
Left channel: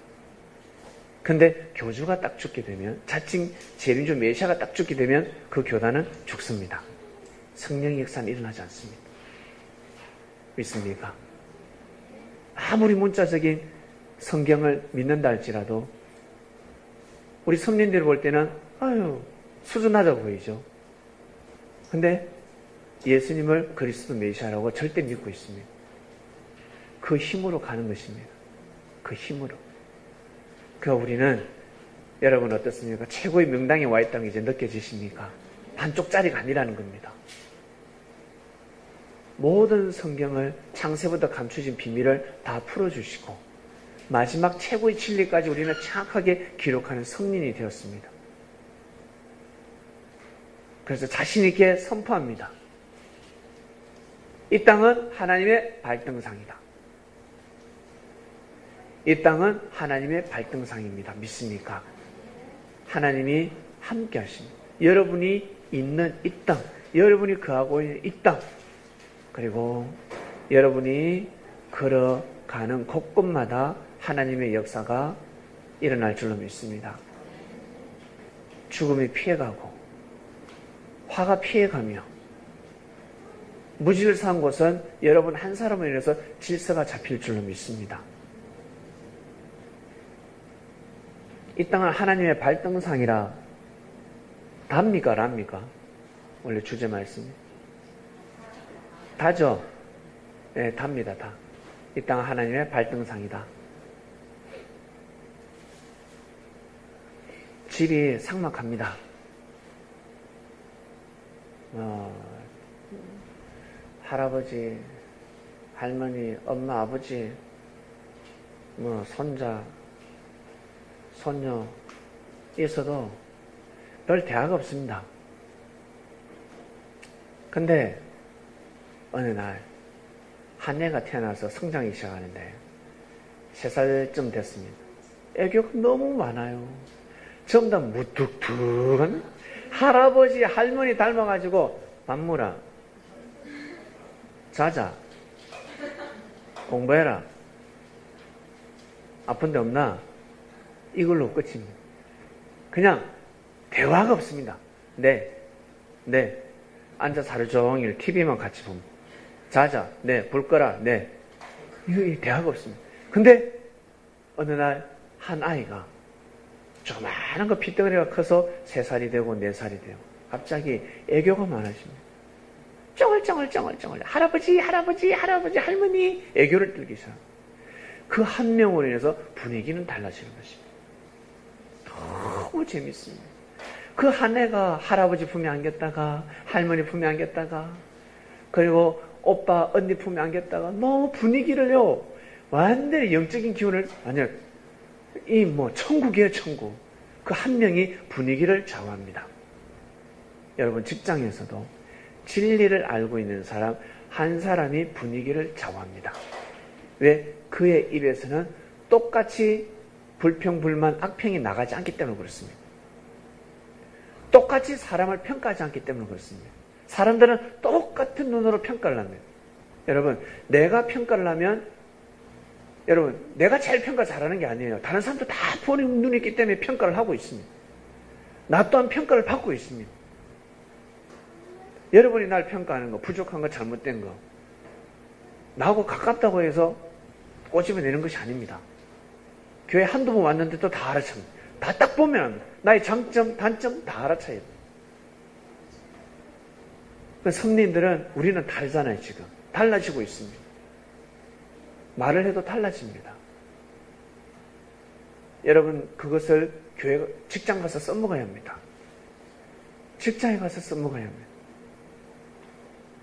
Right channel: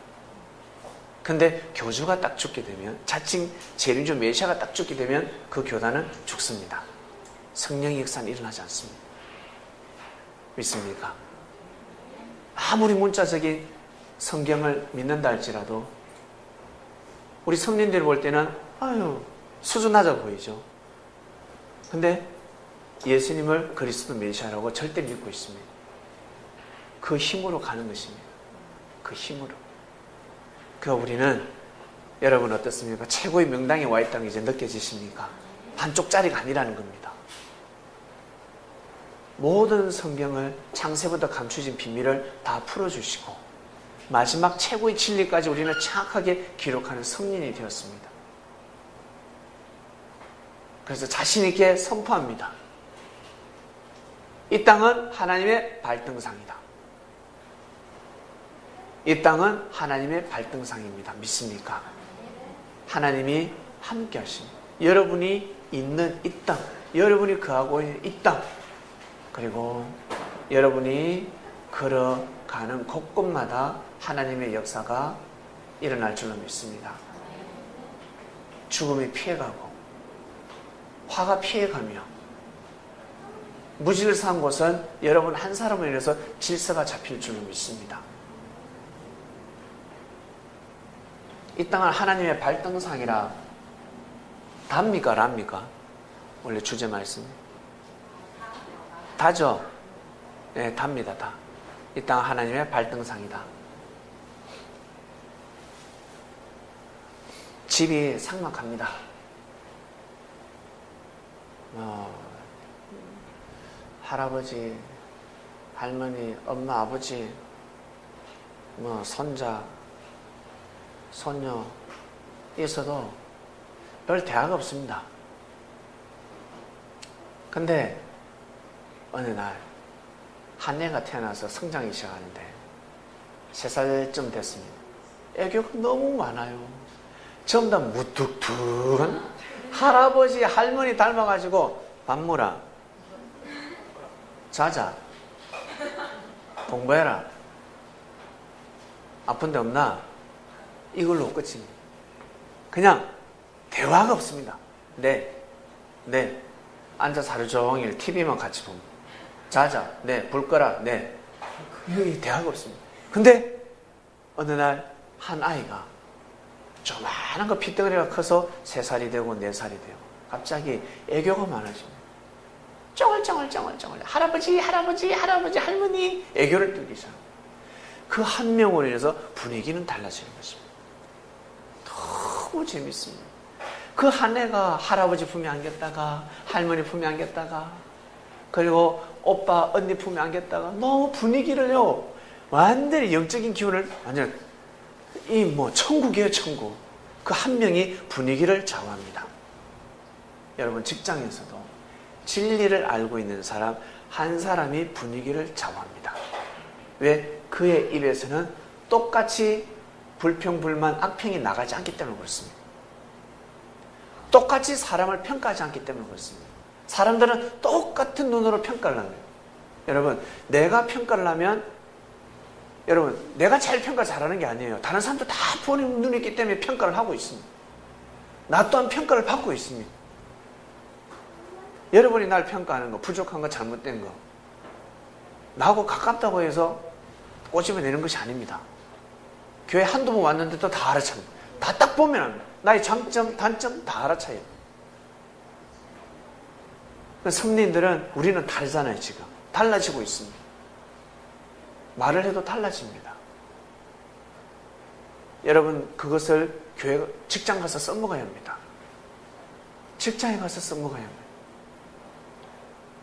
근데 교주가 딱 죽게 되면, 자칭 재림주 메시아가 딱 죽게 되면 그 교단은 죽습니다. 성령의 역사는 일어나지 않습니다. 믿습니까? 아무리 문자적인 성경을 믿는다 할지라도 우리 성린들 볼 때는 수준 낮아 보이죠. 근데 예수님을 그리스도 메시아라고 절대 믿고 있습니다. 그 힘으로 가는 것입니다. 그 힘으로. 그러니까 우리는, 여러분 어떻습니까? 최고의 명당에 와 있다는 게 이제 느껴지십니까? 반쪽짜리가 아니라는 겁니다. 모든 성경을 창세부터 감추진 비밀을 다 풀어주시고 마지막 최고의 진리까지 우리는 정확하게 기록하는 성린이 되었습니다. 그래서 자신 있게 선포합니다. 이 땅은 하나님의 발등상이다. 이 땅은 하나님의 발등상입니다. 믿습니까? 하나님이 함께 하십니다. 여러분이 있는 이 땅, 여러분이 거하고 있는 이 땅, 그리고 여러분이 걸어가는 곳곳마다 하나님의 역사가 일어날 줄로 믿습니다. 죽음이 피해가고 화가 피해가며 무질서한 곳은 여러분 한 사람으로 인해서 질서가 잡힐 줄로 믿습니다. 이 땅은 하나님의 발등상이라. 답니까? 랍니까? 원래 주제 말씀이 다죠? 네, 답니다. 다. 이 땅은 하나님의 발등상이다. 집이 삭막합니다. 할아버지, 할머니, 엄마, 아버지, 손자, 손녀 있어도 별 대화가 없습니다. 근데 어느 날 한 애가 태어나서 성장이 시작하는데 3살쯤 됐습니다. 애교가 너무 많아요. 전부 다 무뚝뚝한 할아버지, 할머니 닮아가지고 밥 먹어라, 자자, 공부해라, 아픈 데 없나? 이걸로 끝입니다. 그냥 대화가 없습니다. 네. 앉아서 하루 종일 TV만 같이 봅니다. 자자, 네. 불 꺼라, 네. 이 대화가 없습니다. 근데 어느 날 한 아이가 조그마한 거 핏덩어리가 커서 3살이 되고 4살이 되고 갑자기 애교가 많아집니다. 쩡얼쩡얼 할아버지, 할머니 애교를 떨기 시작. 그 한 명으로 인해서 분위기는 달라지는 것입니다. 너무 재밌습니다. 그 한 애가 할아버지 품에 안겼다가 할머니 품에 안겼다가 그리고 오빠 언니 품에 안겼다가 너무 분위기를요 완전히 영적인 기운을 완전 천국이에요. 천국. 그 한 명이 분위기를 좌우합니다. 여러분 직장에서도 진리를 알고 있는 사람 한 사람이 분위기를 좌우합니다. 왜? 그의 입에서는 똑같이 불평, 불만, 악평이 나가지 않기 때문에 그렇습니다. 똑같이 사람을 평가하지 않기 때문에 그렇습니다. 사람들은 똑같은 눈으로 평가를 합니다. 여러분, 내가 평가를 하면 여러분, 내가 제일 평가 잘하는 게 아니에요. 다른 사람도 다 보는 눈이 있기 때문에 평가를 하고 있습니다. 나 또한 평가를 받고 있습니다. 여러분이 날 평가하는 거, 부족한 거, 잘못된 거 나하고 가깝다고 해서 꼬집어내는 것이 아닙니다. 교회 한두 번 왔는데도 다 알아찹니다. 다 딱 보면 나의 장점, 단점 다 알아차요. 성도님들은 우리는 다르잖아요. 지금 달라지고 있습니다. 말을 해도 달라집니다. 여러분 그것을 교회, 직장 가서 써먹어야 합니다. 직장에 가서 써먹어야 합니다.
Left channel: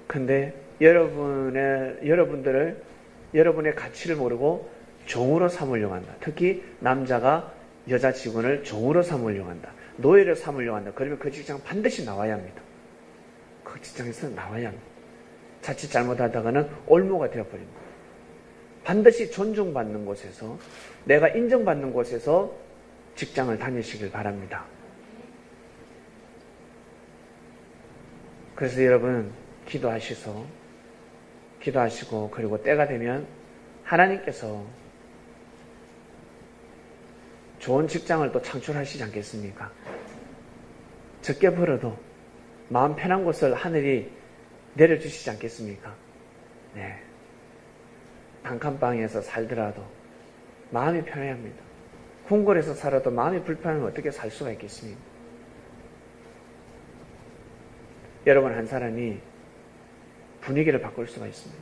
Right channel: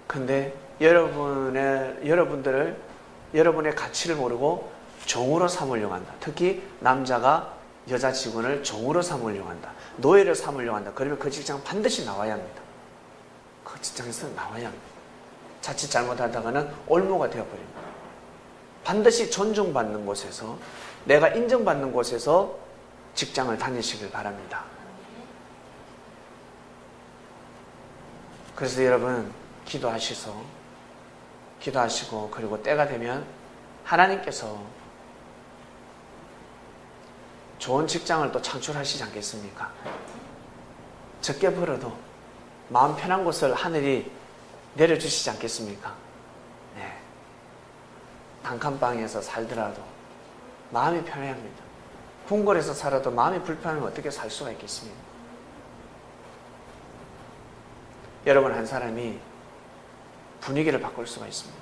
근데 여러분들의 가치를 모르고 종으로 삼으려고 한다. 특히 남자가 여자 직원을 종으로 삼으려고 한다. 노예를 삼으려고 한다. 그러면 그 직장 반드시 나와야 합니다. 그 직장에서 나와야 합니다. 자칫 잘못하다가는 올무가 되어버립니다. 반드시 존중받는 곳에서, 내가 인정받는 곳에서 직장을 다니시길 바랍니다. 그래서 여러분 기도하시고 그리고 때가 되면 하나님께서 좋은 직장을 또 창출하시지 않겠습니까? 적게 벌어도 마음 편한 곳을 하늘이 내려주시지 않겠습니까? 네. 단칸방에서 살더라도 마음이 편해야 합니다. 궁궐에서 살아도 마음이 불편하면 어떻게 살 수가 있겠습니까? 여러분 한 사람이 분위기를 바꿀 수가 있습니다.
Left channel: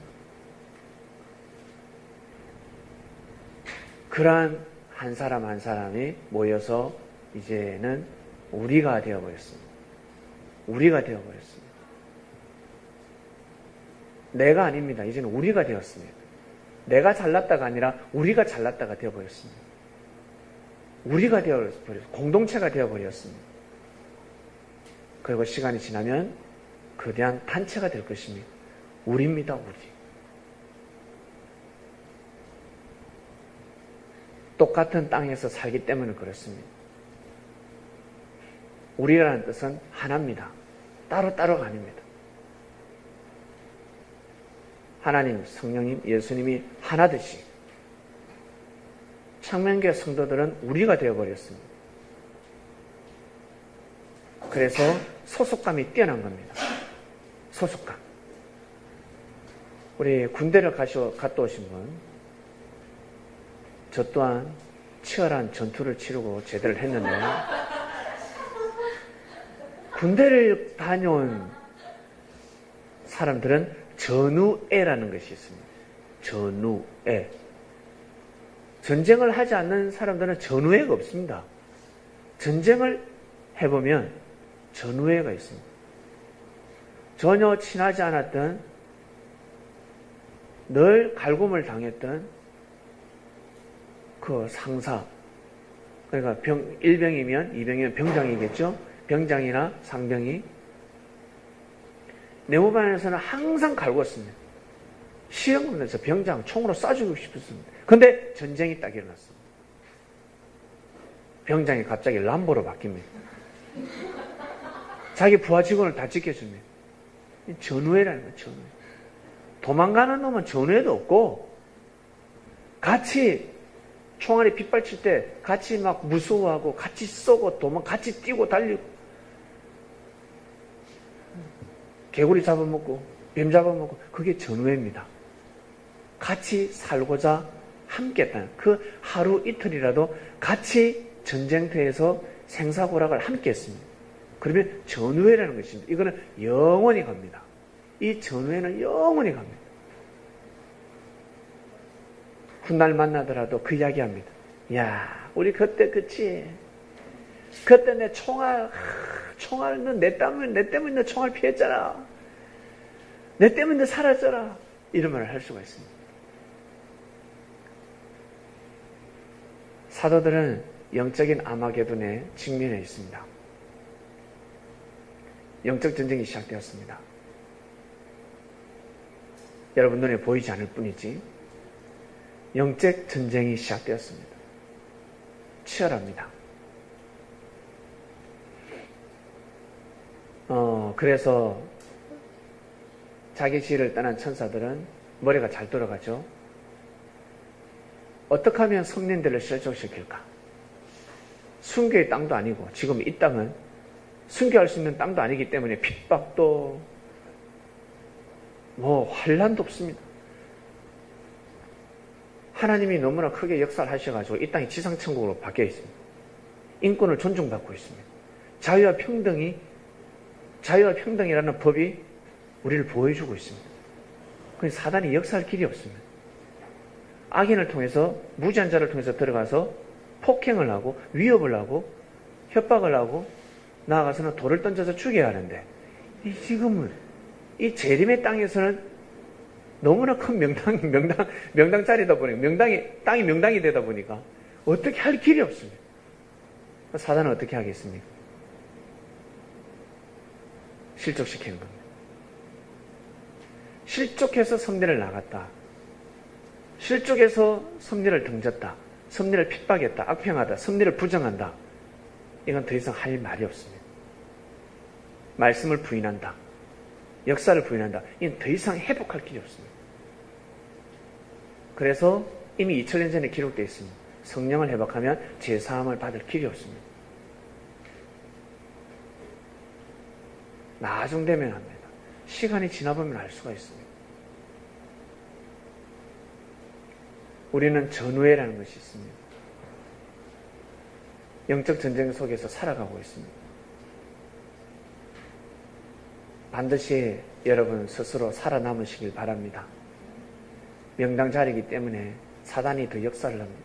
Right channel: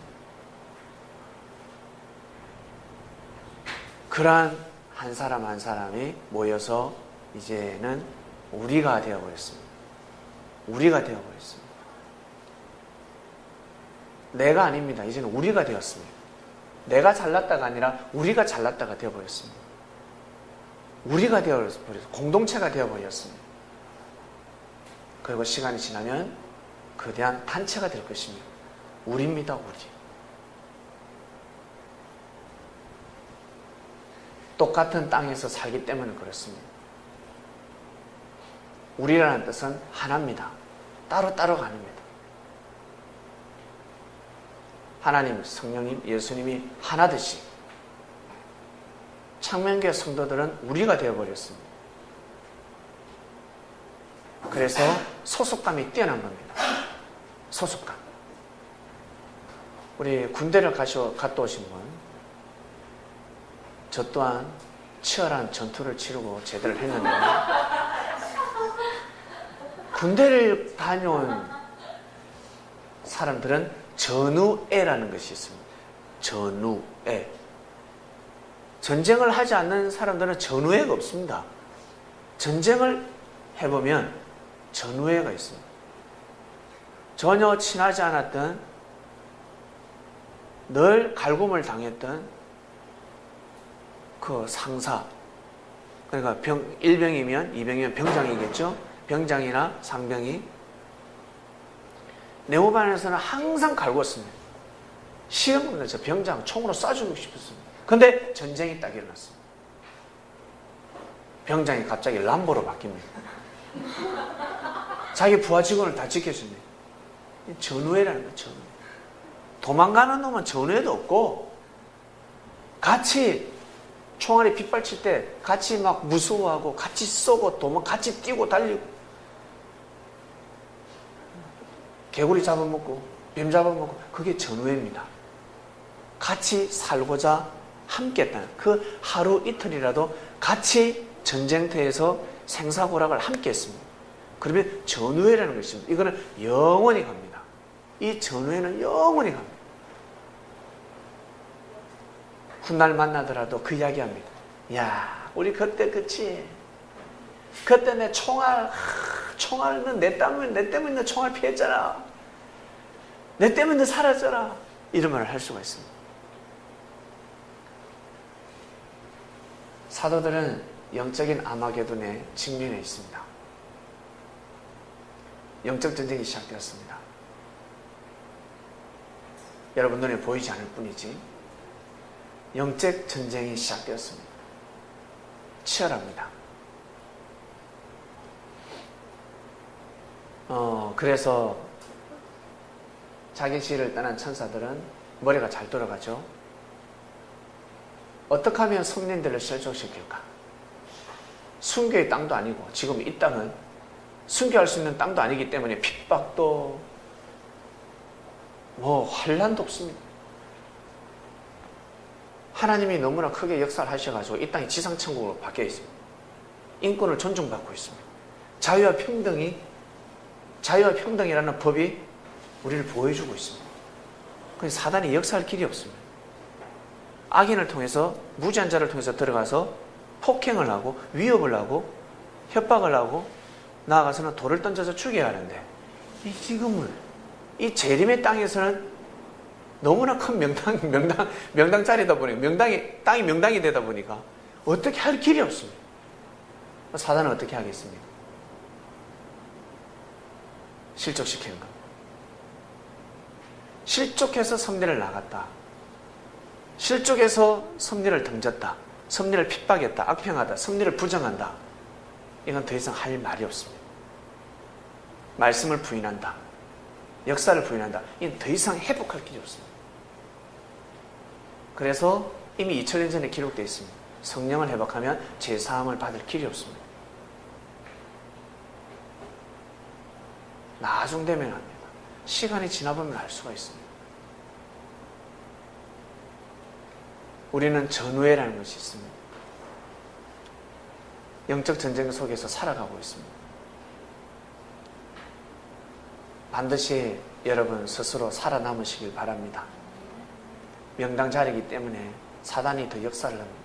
그러한 한 사람 한 사람이 모여서 이제는 우리가 되어버렸습니다. 우리가 되어버렸습니다. 내가 아닙니다. 이제는 우리가 되었습니다. 내가 잘났다가 아니라 우리가 잘났다가 되어버렸습니다. 우리가 되어버렸습니다. 공동체가 되어버렸습니다. 그리고 시간이 지나면 거대한 단체가 될 것입니다. 우리입니다. 우리. 똑같은 땅에서 살기 때문에 그렇습니다. 우리라는 뜻은 하나입니다. 따로따로가 아닙니다. 하나님, 성령님, 예수님이 하나듯이 창명교회 성도들은 우리가 되어버렸습니다. 그래서 소속감이 뛰어난 겁니다. 소속감. 우리 군대를 갔다 오신 분, 저 또한 치열한 전투를 치르고 제대를 했는데 군대를 다녀온 사람들은 전우애라는 것이 있습니다. 전우애. 전쟁을 하지 않는 사람들은 전우애가 없습니다. 전쟁을 해보면 전우애가 있습니다. 전혀 친하지 않았던, 늘 갈굼을 당했던 그 상사, 그러니까 일병이면, 이병이면 병장이겠죠? 병장이나 상병이 네모반에서는 항상 갈궜습니다. 시험으로 저 병장 총으로 쏴주고 싶었습니다. 근데 전쟁이 딱 일어났습니다. 병장이 갑자기 람보로 바뀝니다. 자기 부하 직원을 다 지켜줍니다. 전우회라는 거예요. 전우회. 도망가는 놈은 전우회도 없고 같이 총알이 빗발칠 때 같이 막 무서워하고 같이 쏘고 같이 뛰고 달리고 개구리 잡아먹고 뱀 잡아먹고 그게 전우회입니다. 같이 살고자 함께 했다는 그 하루 이틀이라도 같이 전쟁터에서 생사고락을 함께 했습니다. 그러면 전우회라는 것이 있습니다. 이거는 영원히 갑니다. 이 전우회는 영원히 갑니다. 훗날 만나더라도 그 이야기 합니다. 야, 우리 그때 그치? 그때 내 총알은 내 때문에 내 총알 피했잖아. 내 때문에 살았잖아. 이런 말을 할 수가 있습니다. 사도들은 영적인 아마게돈에 직면해 있습니다. 영적 전쟁이 시작되었습니다. 여러분 눈에 보이지 않을 뿐이지 영적 전쟁이 시작되었습니다. 치열합니다. 그래서 자기 지혜를 떠난 천사들은 머리가 잘 돌아가죠. 어떻게 하면 성린들을 실족시킬까? 순교의 땅도 아니고 지금 이 땅은 순교할 수 있는 땅도 아니기 때문에 핍박도 환란도 없습니다. 하나님이 너무나 크게 역사를 하셔가지고 이 땅이 지상천국으로 바뀌어 있습니다. 인권을 존중받고 있습니다. 자유와 평등이라는 법이 우리를 보여주고 있습니다. 그래서 사단이 역사할 길이 없습니다. 악인을 통해서, 무지한 자를 통해서 들어가서 폭행을 하고 위협을 하고 협박을 하고 나아가서는 돌을 던져서 죽여야 하는데 지금은 이 재림의 땅에서는 너무나 큰 명당짜리다 보니 땅이 명당이 되다 보니까 어떻게 할 길이 없습니다. 사단은 어떻게 하겠습니까? 실족시키는 겁니다. 실족해서 섭리를 나갔다. 실족해서 섭리를 던졌다. 섭리를 핍박했다. 악평하다. 섭리를 부정한다. 이건 더 이상 할 말이 없습니다. 말씀을 부인한다. 역사를 부인한다. 이는 더 이상 회복할 길이 없습니다. 그래서 이미 2000년 전에 기록되어 있습니다. 성령을 회복하면 제사함을 받을 길이 없습니다. 나중 되면 합니다. 시간이 지나보면 알 수가 있습니다. 우리는 전후회라는 것이 있습니다. 영적 전쟁 속에서 살아가고 있습니다. 반드시 여러분 스스로 살아남으시길 바랍니다. 명당 자리이기 때문에 사단이 더 역사를 합니다.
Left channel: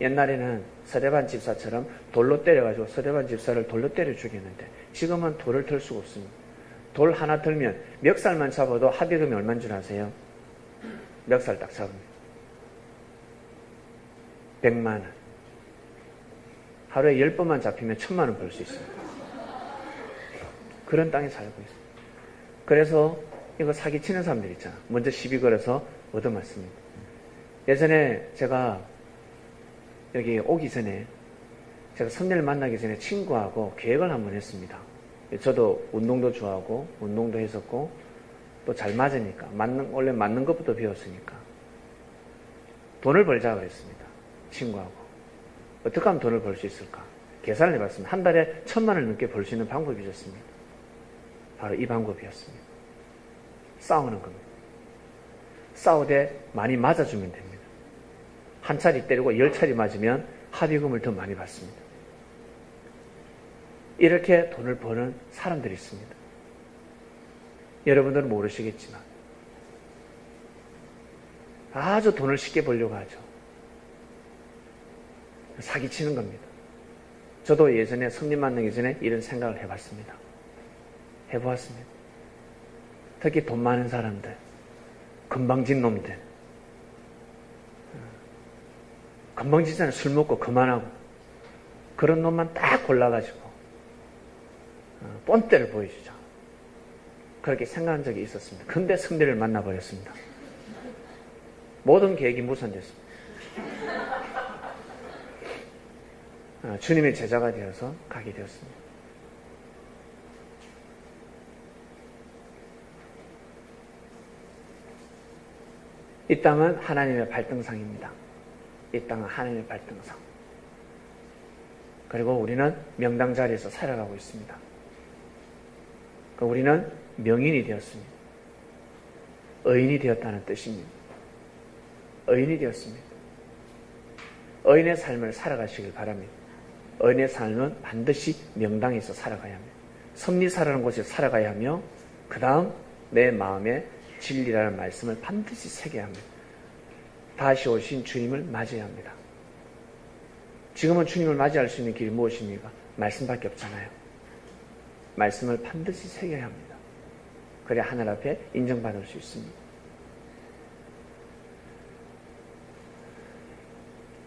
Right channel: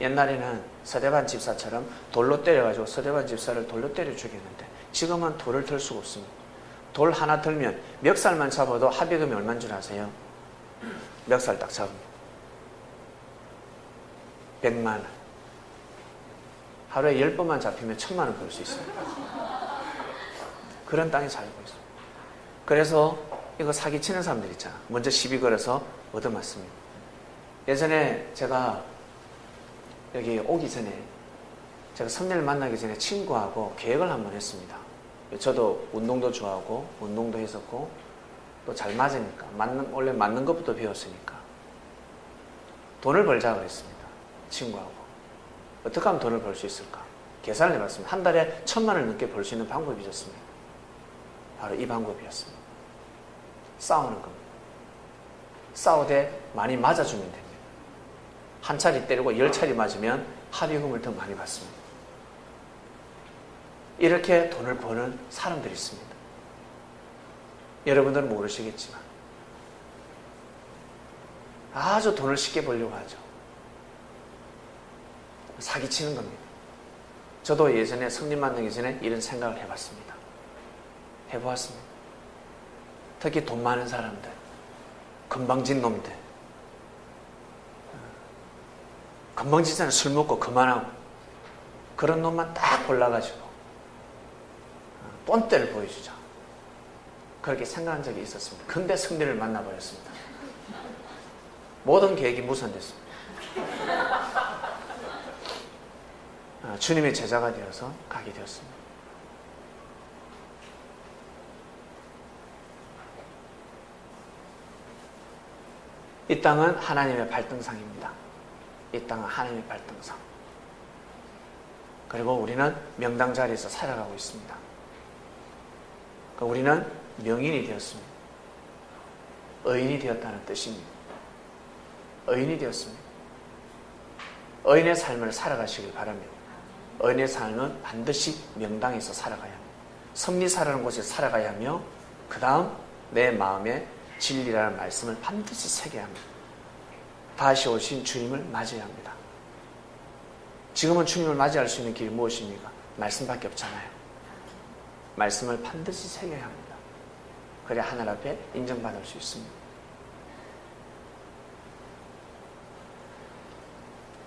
옛날에는 서대반 집사처럼 돌로 때려가지고 서대반 집사를 돌로 때려 죽이는데 지금은 돌을 들 수가 없습니다. 돌 하나 들면 멱살만 잡아도 합의금이 얼마인 줄 아세요? 멱살 딱 잡으면 100만 원. 하루에 10분만 잡히면 1000만 원 벌 수 있습니다. 그런 땅에 살고 있습니다. 그래서 이거 사기치는 사람들 있잖아. 먼저 시비 걸어서 얻어맞습니다. 예전에 제가 여기 오기 전에 제가 선녀를 만나기 전에 친구하고 계획을 한번 했습니다. 저도 운동도 좋아하고 운동도 했었고 또 잘 맞으니까 원래 맞는 것부터 배웠으니까 돈을 벌자고 했습니다. 친구하고 어떻게 하면 돈을 벌 수 있을까 계산을 해봤습니다. 한 달에 1000만 원 넘게 벌 수 있는 방법이 있었습니다. 바로 이 방법이었습니다. 싸우는 겁니다. 싸우되 많이 맞아주면 됩니다. 한 차례 때리고 10차례 맞으면 합의금을 더 많이 받습니다. 이렇게 돈을 버는 사람들이 있습니다. 여러분들은 모르시겠지만 아주 돈을 쉽게 벌려고 하죠. 사기치는 겁니다. 저도 예전에 성님 만나기 전에 이런 생각을 해봤습니다. 해보았습니다. 특히 돈 많은 사람들, 건방진 놈들, 건방지잖아요. 술 먹고 그만하고 그런 놈만 딱 골라가지고 본때를 보여주자. 그렇게 생각한 적이 있었습니다. 근데 성대를 만나버렸습니다. 모든 계획이 무산됐습니다. 주님의 제자가 되어서 가게 되었습니다. 이 땅은 하나님의 발등상입니다. 이 땅은 하나님의 발등상. 그리고 우리는 명당 자리에서 살아가고 있습니다. 우리는 명인이 되었습니다. 의인이 되었다는 뜻입니다. 의인이 되었습니다. 의인의 삶을 살아가시길 바랍니다. 의인의 삶은 반드시 명당에서 살아가야 합니다. 섭리사라는 곳에 살아가야 하며 그 다음 내 마음에 진리라는 말씀을 반드시 새겨야 합니다. 다시 오신 주님을 맞이해야 합니다. 지금은 주님을 맞이할 수 있는 길이 무엇입니까? 말씀밖에 없잖아요. 말씀을 반드시 새겨야 합니다. 그래야 하늘 앞에 인정받을 수 있습니다.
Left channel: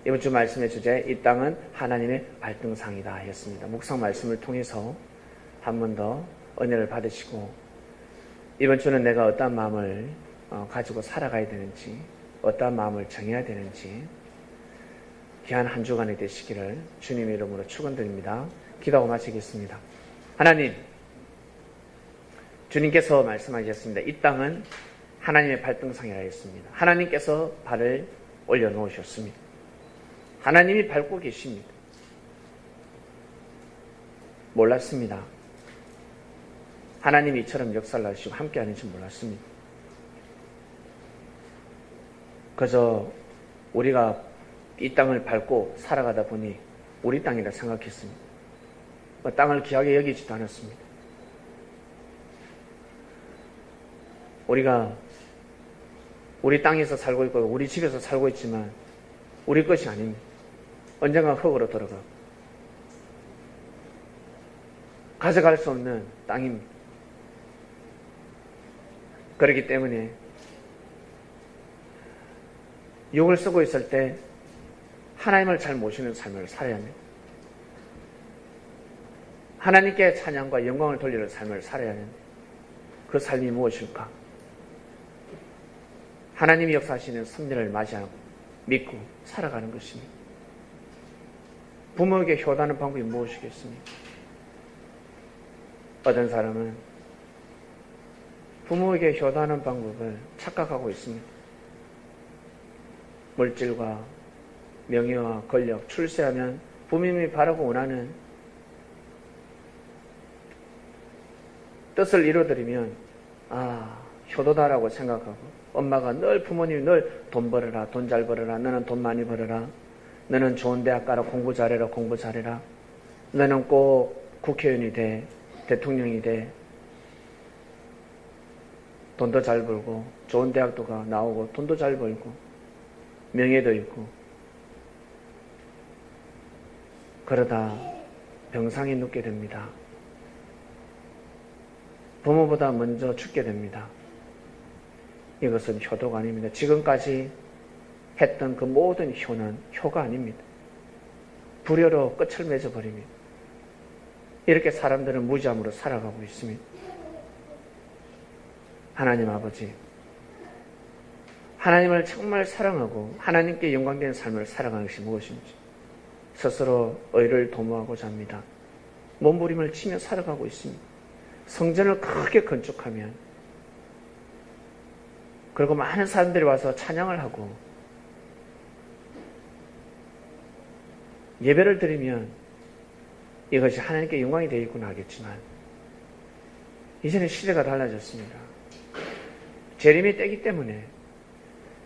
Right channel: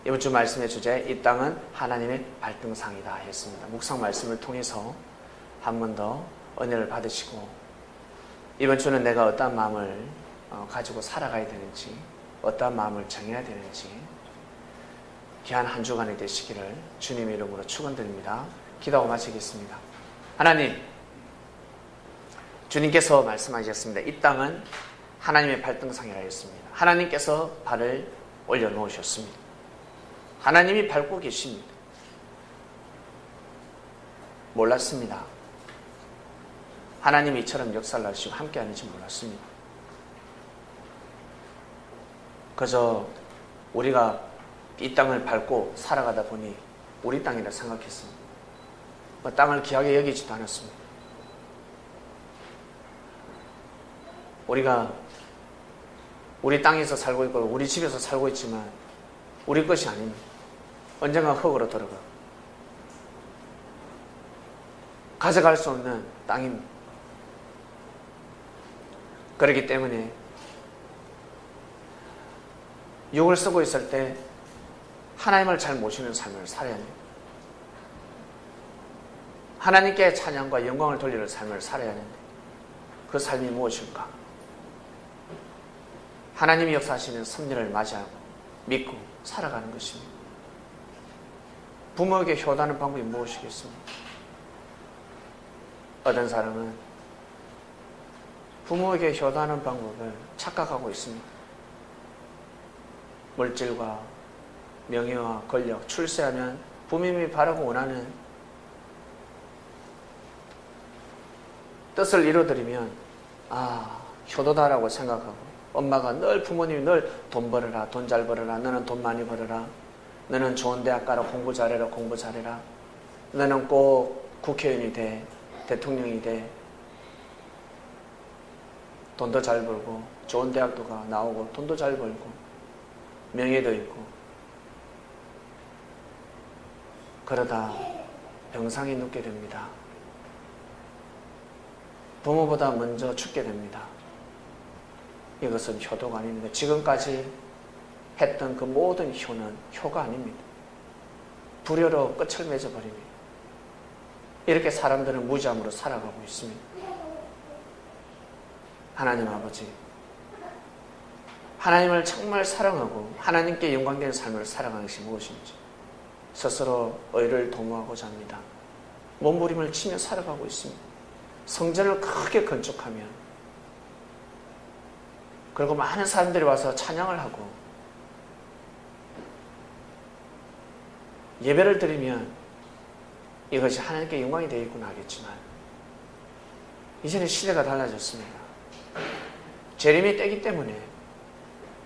이번 주 말씀의 주제, 이 땅은 하나님의 발등상이다 했습니다. 묵상 말씀을 통해서 한 번 더 은혜를 받으시고 이번 주는 내가 어떠한 마음을 가지고 살아가야 되는지, 어떠한 마음을 정해야 되는지 귀한 한 주간이 되시기를 주님의 이름으로 축원드립니다. 기도하고 마치겠습니다. 하나님, 주님께서 말씀하셨습니다. 이 땅은 하나님의 발등상이라 했습니다. 하나님께서 발을 올려놓으셨습니다. 하나님이 밟고 계십니다. 몰랐습니다. 하나님이 이처럼 역사를 하시고 함께하는지 몰랐습니다. 그저 우리가 이 땅을 밟고 살아가다 보니 우리 땅이라 생각했습니다. 땅을 귀하게 여기지도 않았습니다. 우리가 우리 땅에서 살고 있고 우리 집에서 살고 있지만 우리 것이 아닙니다. 언젠가 흙으로 들어가 가져갈 수 없는 땅입니다. 그렇기 때문에 육을 쓰고 있을 때 하나님을 잘 모시는 삶을 살아야 합니다. 하나님께 찬양과 영광을 돌리는 삶을 살아야 하는데 그 삶이 무엇일까? 하나님이 역사하시는 섭리를 맞이하고 믿고 살아가는 것입니다. 부모에게 효도하는 방법이 무엇이겠습니까? 어떤 사람은 부모에게 효도하는 방법을 착각하고 있습니다. 물질과 명예와 권력, 출세하면 부모님이 바라고 원하는 뜻을 이루어드리면 효도다라고 생각하고, 엄마가 늘 부모님이 늘 돈 벌어라, 돈 잘 벌어라, 너는 돈 많이 벌어라, 너는 좋은 대학 가라, 공부 잘해라, 공부 잘해라, 너는 꼭 국회의원이 돼, 대통령이 돼, 돈도 잘 벌고 좋은 대학도 나오고 돈도 잘 벌고 명예도 있고, 그러다 병상에 눕게 됩니다. 부모보다 먼저 죽게 됩니다. 이것은 효도가 아닙니다. 지금까지 했던 그 모든 효는 효가 아닙니다. 불효로 끝을 맺어버립니다. 이렇게 사람들은 무지함으로 살아가고 있습니다. 하나님 아버지, 하나님을 정말 사랑하고 하나님께 영광되는 삶을 살아가는 것이 무엇인지 스스로 의를 도모하고자 합니다. 몸부림을 치며 살아가고 있습니다. 성전을 크게 건축하면, 그리고 많은 사람들이 와서 찬양을 하고 예배를 드리면 이것이 하나님께 영광이 되겠구나 하겠지만, 이제는 시대가 달라졌습니다. 재림이 때기 때문에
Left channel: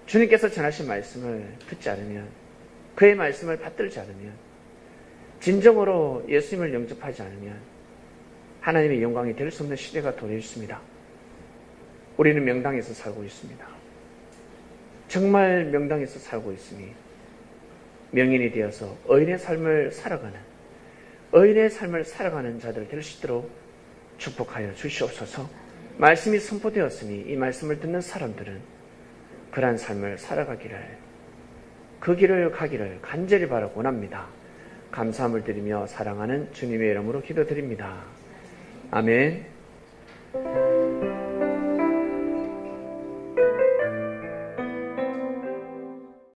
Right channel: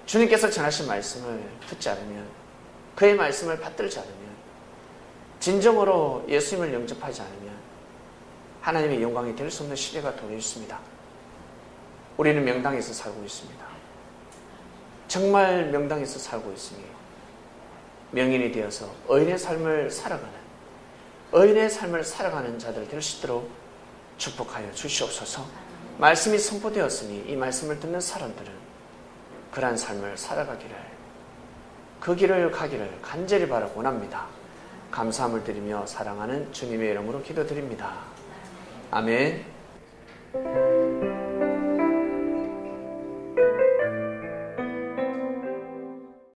주님께서 전하신 말씀을 듣지 않으면, 그의 말씀을 받들지 않으면, 진정으로 예수님을 영접하지 않으면 하나님의 영광이 될 수 없는 시대가 도래 있습니다. 우리는 명당에서 살고 있습니다. 정말 명당에서 살고 있으니 명인이 되어서 의인의 삶을 살아가는 자들 될 수 있도록 축복하여 주시옵소서. 말씀이 선포되었으니 이 말씀을 듣는 사람들은 그러한 삶을 살아가기를, 그 길을 가기를 간절히 바라고 원합니다. 감사함을 드리며 사랑하는 주님의 이름으로 기도드립니다. 아멘.